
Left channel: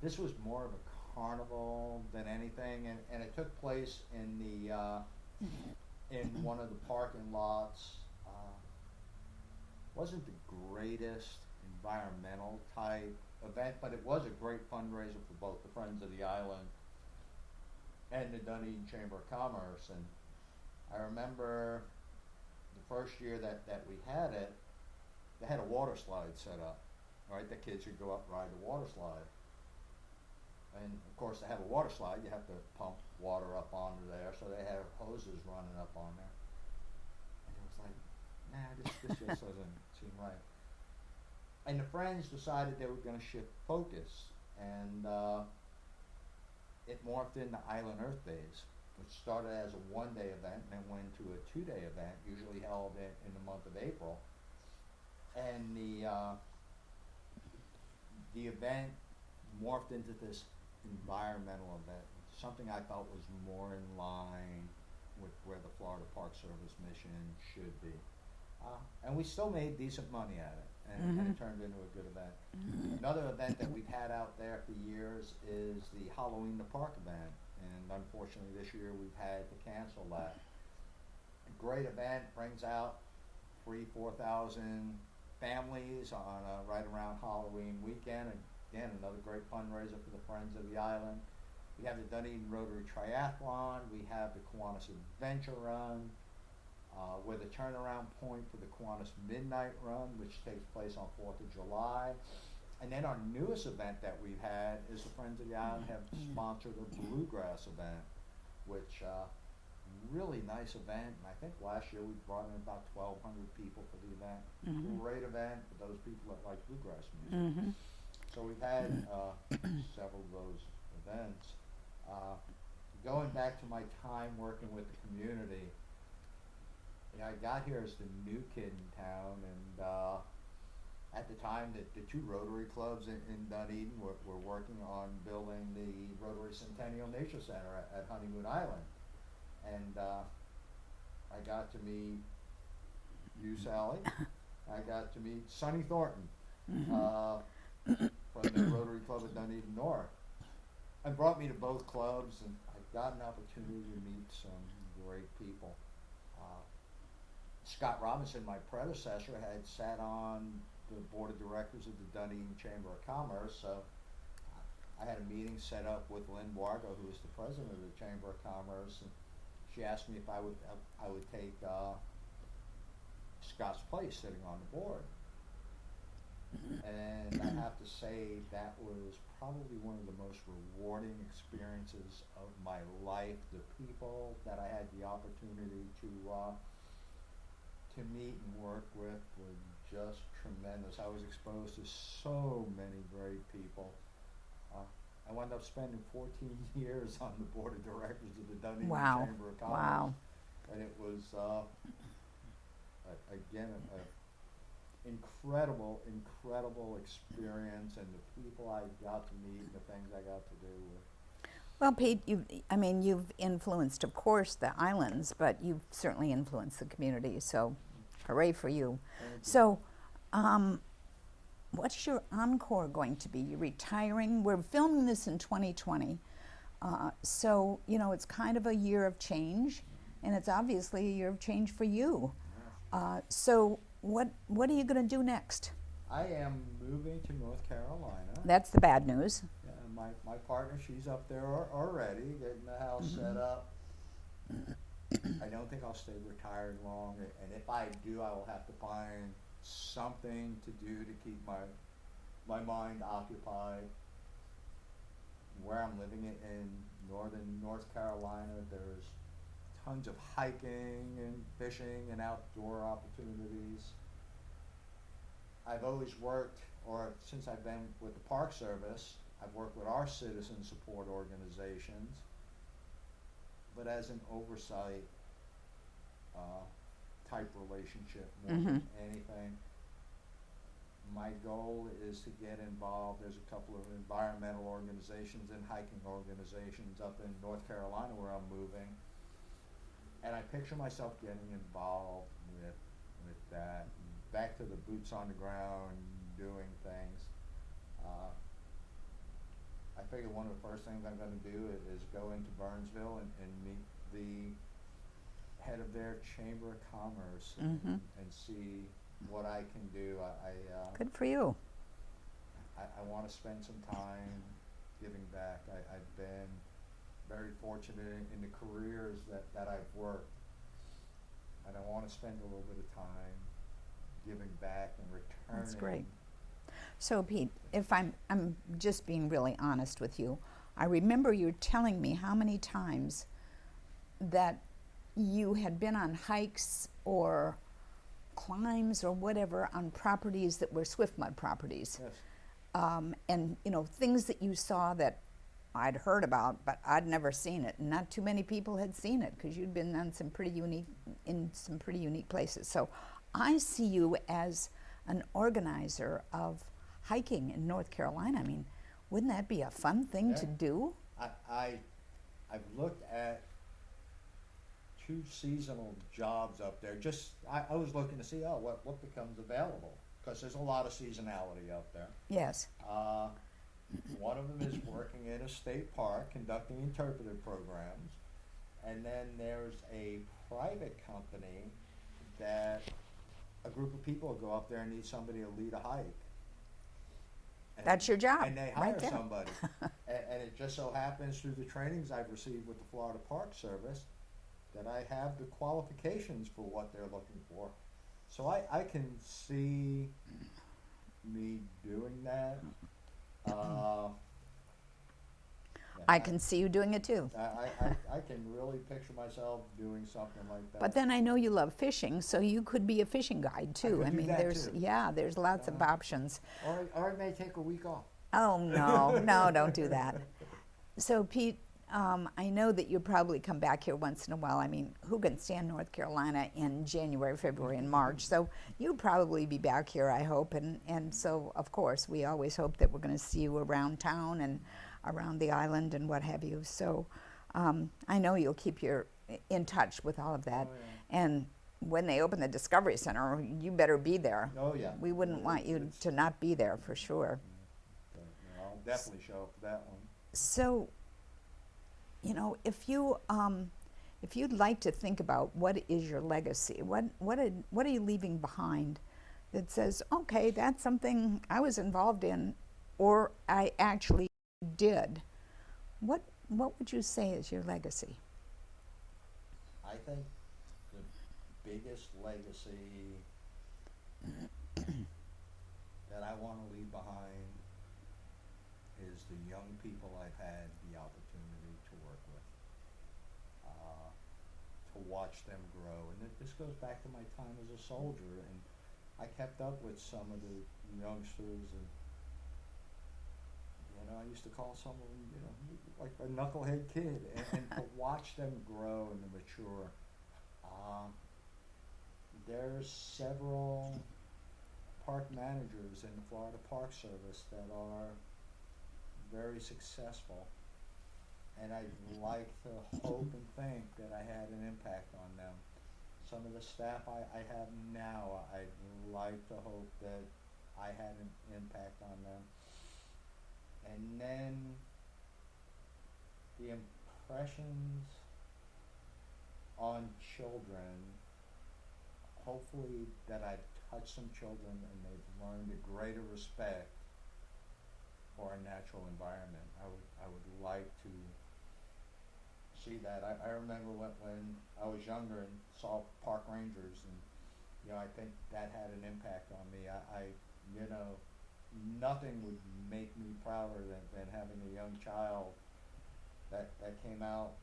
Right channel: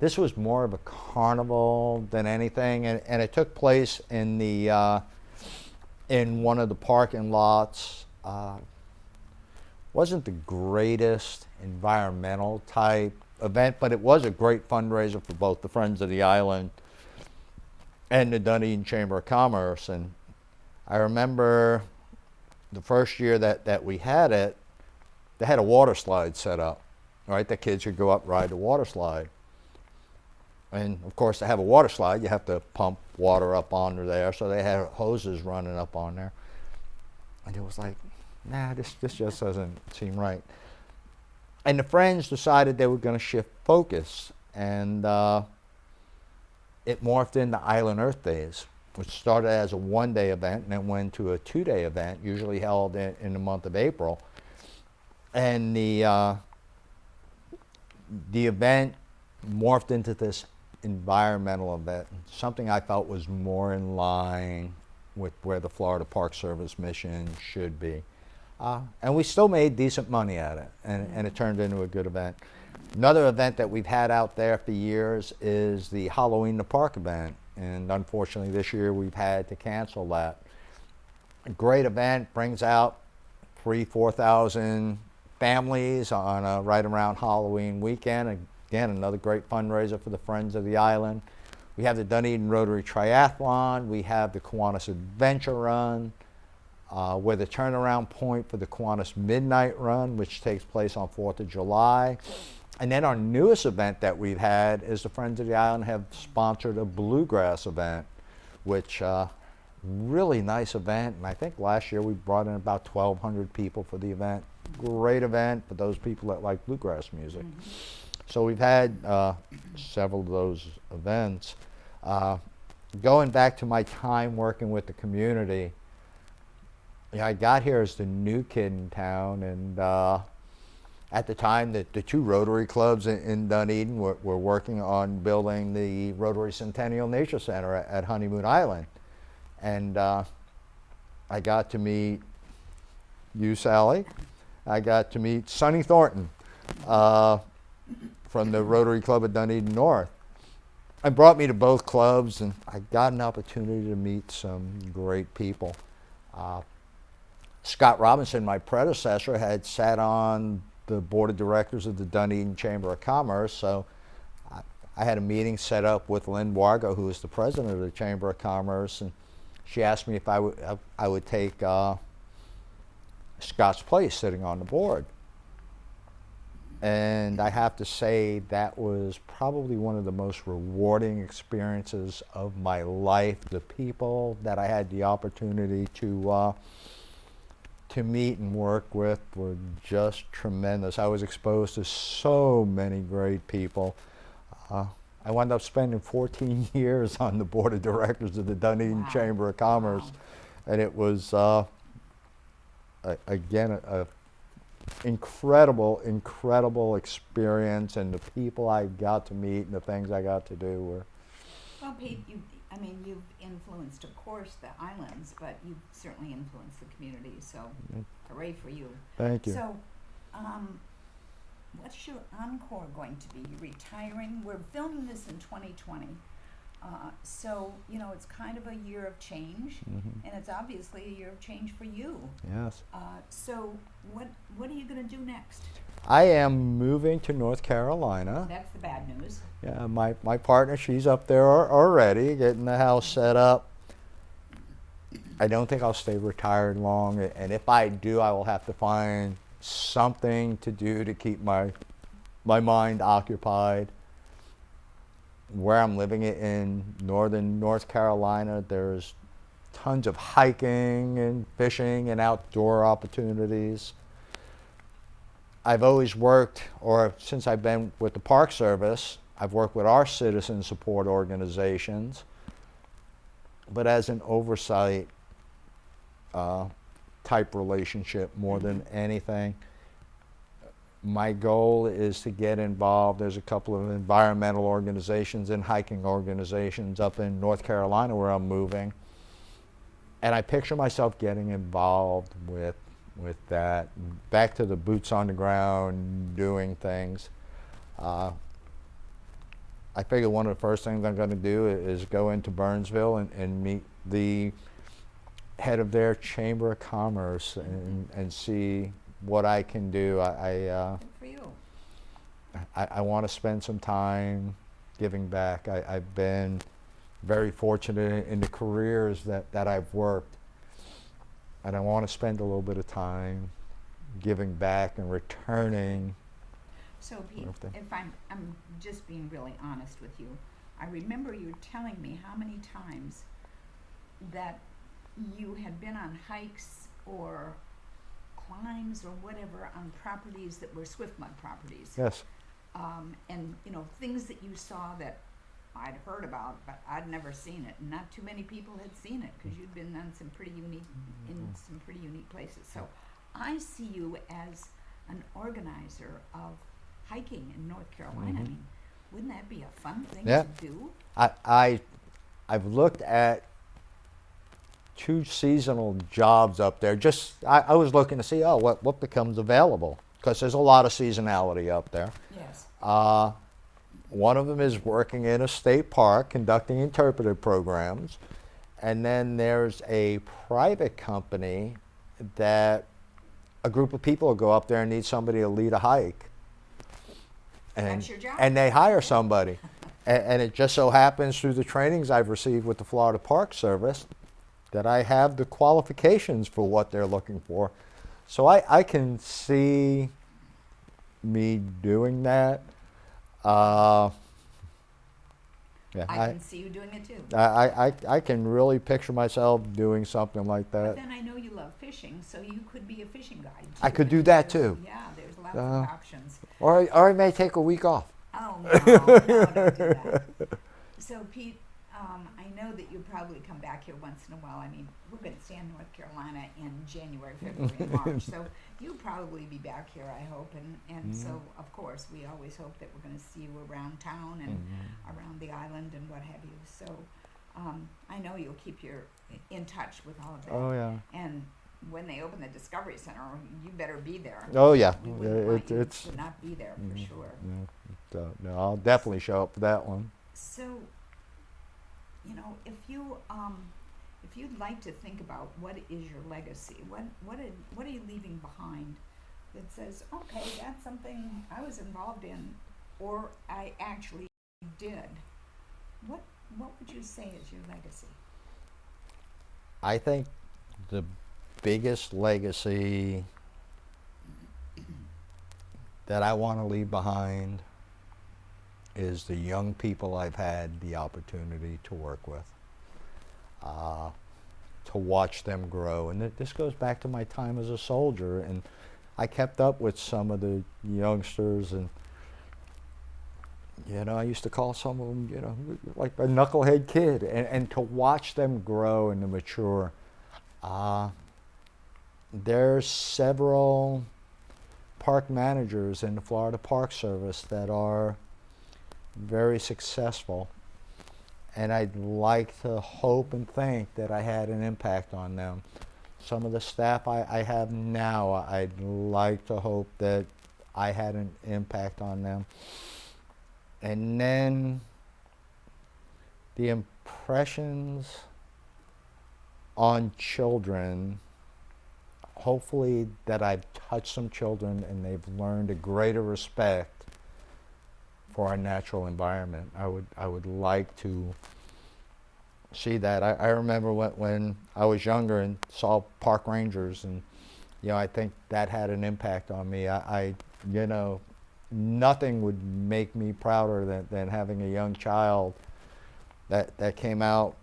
this was more of a carnival than anything, and it took place in the in one of the parking lots. Wasn't the greatest environmental type event, but it was a great fundraiser for both the Friends of the Island and the Dunedin Chamber of Commerce. And I remember the first year that we had it, they had a water slide set up, right? The kids could go up, ride the water slide. And of course, to have a water slide, you have to pump water up onto there. So they had hoses running up on there. And it was like, nah, this just doesn't seem right. And the Friends decided they were going to shift focus. And it morphed into Island Earth Days, which started as a one-day event and then went to a two-day event, usually held in the month of April. And the event morphed into this environmental event, something I felt was more in line with where the Florida Park Service mission should be. And we still made decent money at it, and it turned into a good event. Another event that we've had out there for years is the Halloween in the Park event, and unfortunately this year we've had to cancel that. A great event, brings out 3,000-4,000 families on right around Halloween weekend. Again, another great fundraiser for the Friends of the Island. We have the Dunedin Rotary Triathlon. We have the Kiwanis Adventure Run. We're the turnaround point for the Kiwanis Midnight Run, which takes place on 4th of July. And then our newest event that we've had is the Friends of the Island have sponsored a bluegrass event, which really nice event. And I think last year we brought in about 1,200 people for the event. Great event for those people that like bluegrass music. So we've had several of those events. Going back to my time working with the community, I got here as the new kid in town, and at the time the two Rotary clubs in Dunedin were working on building the Rotary Centennial Nature Center at Honeymoon Island. And I got to meet you, Sallie. I got to meet Sonny Thornton from the Rotary Club of Dunedin North. And brought me to both clubs, and I got an opportunity to meet some great people. Scott Robinson, my predecessor, had sat on the board of directors of the Dunedin Chamber of Commerce, so I had a meeting set up with Lynn Wargo, who is the president of the Chamber of Commerce, and she asked me if I would take Scott's place sitting on the board. And I have to say that was probably one of the most rewarding experiences of my life. The people that I had the opportunity to meet and work with were just tremendous. I was exposed to so many great people. I wound up spending 14 years on the board of directors of the Dunedin Chamber of Commerce. Wow. And it was, again, a incredible experience, and the people I got to meet and the things I got to do were. Well, Pete, you've influenced, of course, the islands, but you've certainly influenced the community, so hooray for you. Thank you. So, what's your encore going to be? You're retiring. We're filming this in 2020. So, it's kind of a year of change, and it's obviously a year of change for you. Yes. So, what are you going to do next? I am moving to North Carolina. That's the bad news. Yeah, my partner, she's up there already, getting the house set up. I don't think I'll stay retired long, and if I do, I will have to find something to do to keep my mind occupied. Where I'm living in northern North Carolina, there's tons of hiking and fishing and outdoor opportunities. I've always worked, or since I've been with the Park Service, I've worked with our citizen support organizations, but as an oversight type relationship more than anything. My goal is to get involved. There's a couple of environmental organizations and hiking organizations up in North Carolina where I'm moving. And I picture myself getting involved with that, back to the boots on the ground, doing things. I figure one of the first things I'm going to do is go into Burnsville and meet the head of their Chamber of Commerce and see what I can do. Good for you. I want to spend some time giving back. I've been very fortunate in the careers that I've worked, and I want to spend a little bit of time giving back and returning. So Pete, if I'm just being really honest with you, I remember you telling me how many times that you had been on hikes or climbs or whatever on properties that were swift mud properties. Yes. And you know, things that you saw that I'd heard about, but I'd never seen it. And not too many people had seen it because you'd been on some pretty unique, in some pretty unique places. So I see you as an organizer of hiking in North Carolina. I mean, wouldn't that be a fun thing to do? I've looked at 2 seasonal jobs up there. Just I was looking to see what becomes available, because there's a lot of seasonality up there. Yes. One of them is working in a state park conducting interpretive programs, and then there's a private company that a group of people will go up there and need somebody to lead a hike. And, that's your job. And they hire somebody. And it just so happens through the trainings I've received with the Florida Park Service that I have the qualifications for what they're looking for. So I can see me doing that. I can see you doing it too. I can really picture myself doing something like that. But then I know you love fishing, so you could be a fishing guide too. I could do that too. Yeah, there's lots of options. Or I may take a week off. Oh, no, don't do that. So Pete, I know that you probably come back here once in a while. I mean, who can stand North Carolina in January, February, and March? So you'll probably be back here, I hope. And so, of course, we always hope that we're going to see you around town and around the island and what have you. So I know you'll keep in touch with all of that. Oh, yeah. And when they open the Discovery Center, you better be there. Oh, yeah. We wouldn't want you to not be there for sure. No, I'll definitely show up for that one. So, you know, if you'd like to think about what is your legacy, what are you leaving behind that says, okay, that's something I was involved in, or I actually did. What would you say is your legacy? I think the biggest legacy that I want to leave behind is the young people I've had the opportunity to work with, to watch them grow. And this goes back to my time as a soldier, and I kept up with some of the youngsters, and you know, I used to call some of them, you know, like a knucklehead kid, and to watch them grow and to mature. There's several park managers in the Florida Park Service that are very successful, and I'd like to hope and think that I had an impact on them. Some of the staff I have now, I'd like to hope that I had an impact on them. And then the impressions on children, hopefully that I've touched some children and they've learned a greater respect for our natural environment. I would like to see that. I remember when I was younger and saw park rangers, and you know, I think that had an impact on me. You know, nothing would make me prouder than having a young child that came out,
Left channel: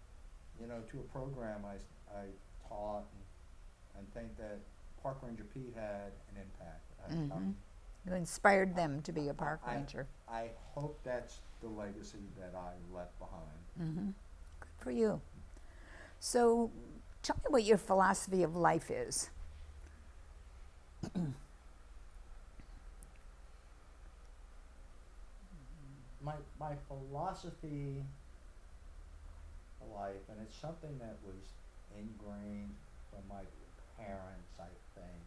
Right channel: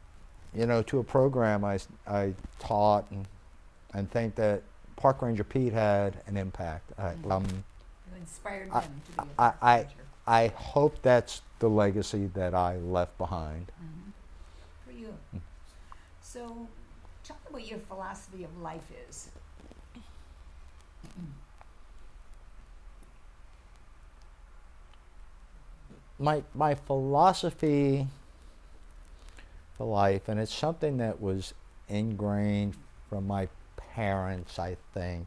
you know, to a program I taught, and think that Park Ranger Pete had an impact. You inspired them to be a park ranger. I hope that's the legacy that I left behind. For you. So tell me what your philosophy of life is. My philosophy for life, and it's something that was ingrained from my parents, I think.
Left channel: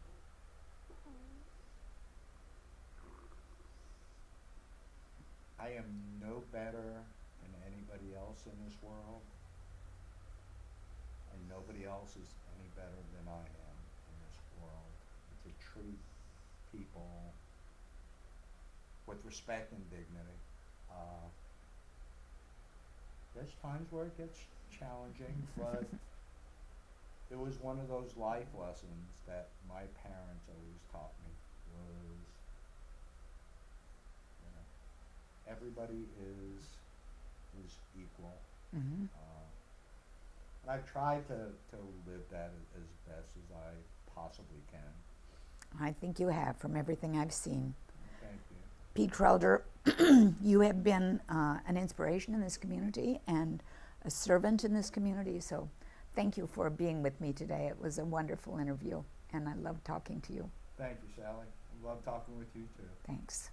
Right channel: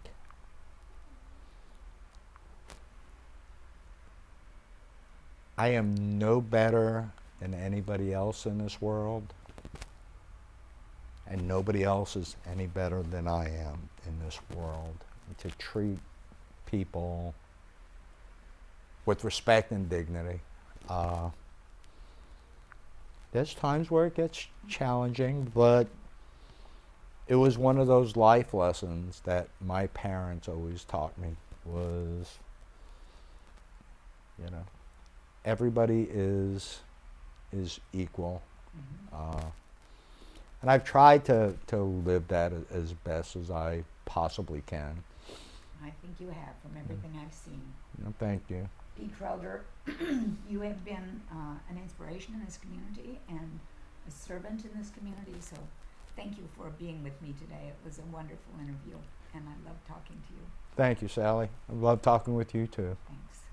I am no better than anybody else in this world, and nobody else is any better than I am in this world. To treat people with respect and dignity. There's times where it gets challenging, but it was one of those life lessons that my parents always taught me was, you know, everybody is equal. And I've tried to live that as best as I possibly can. I think you have, from everything I've seen. Thank you. Pete Krulder, you have been an inspiration in this community and a servant in this community, so thank you for being with me today. It was a wonderful interview, and I loved talking to you. Thank you, Sally. I love talking with you too. Thanks.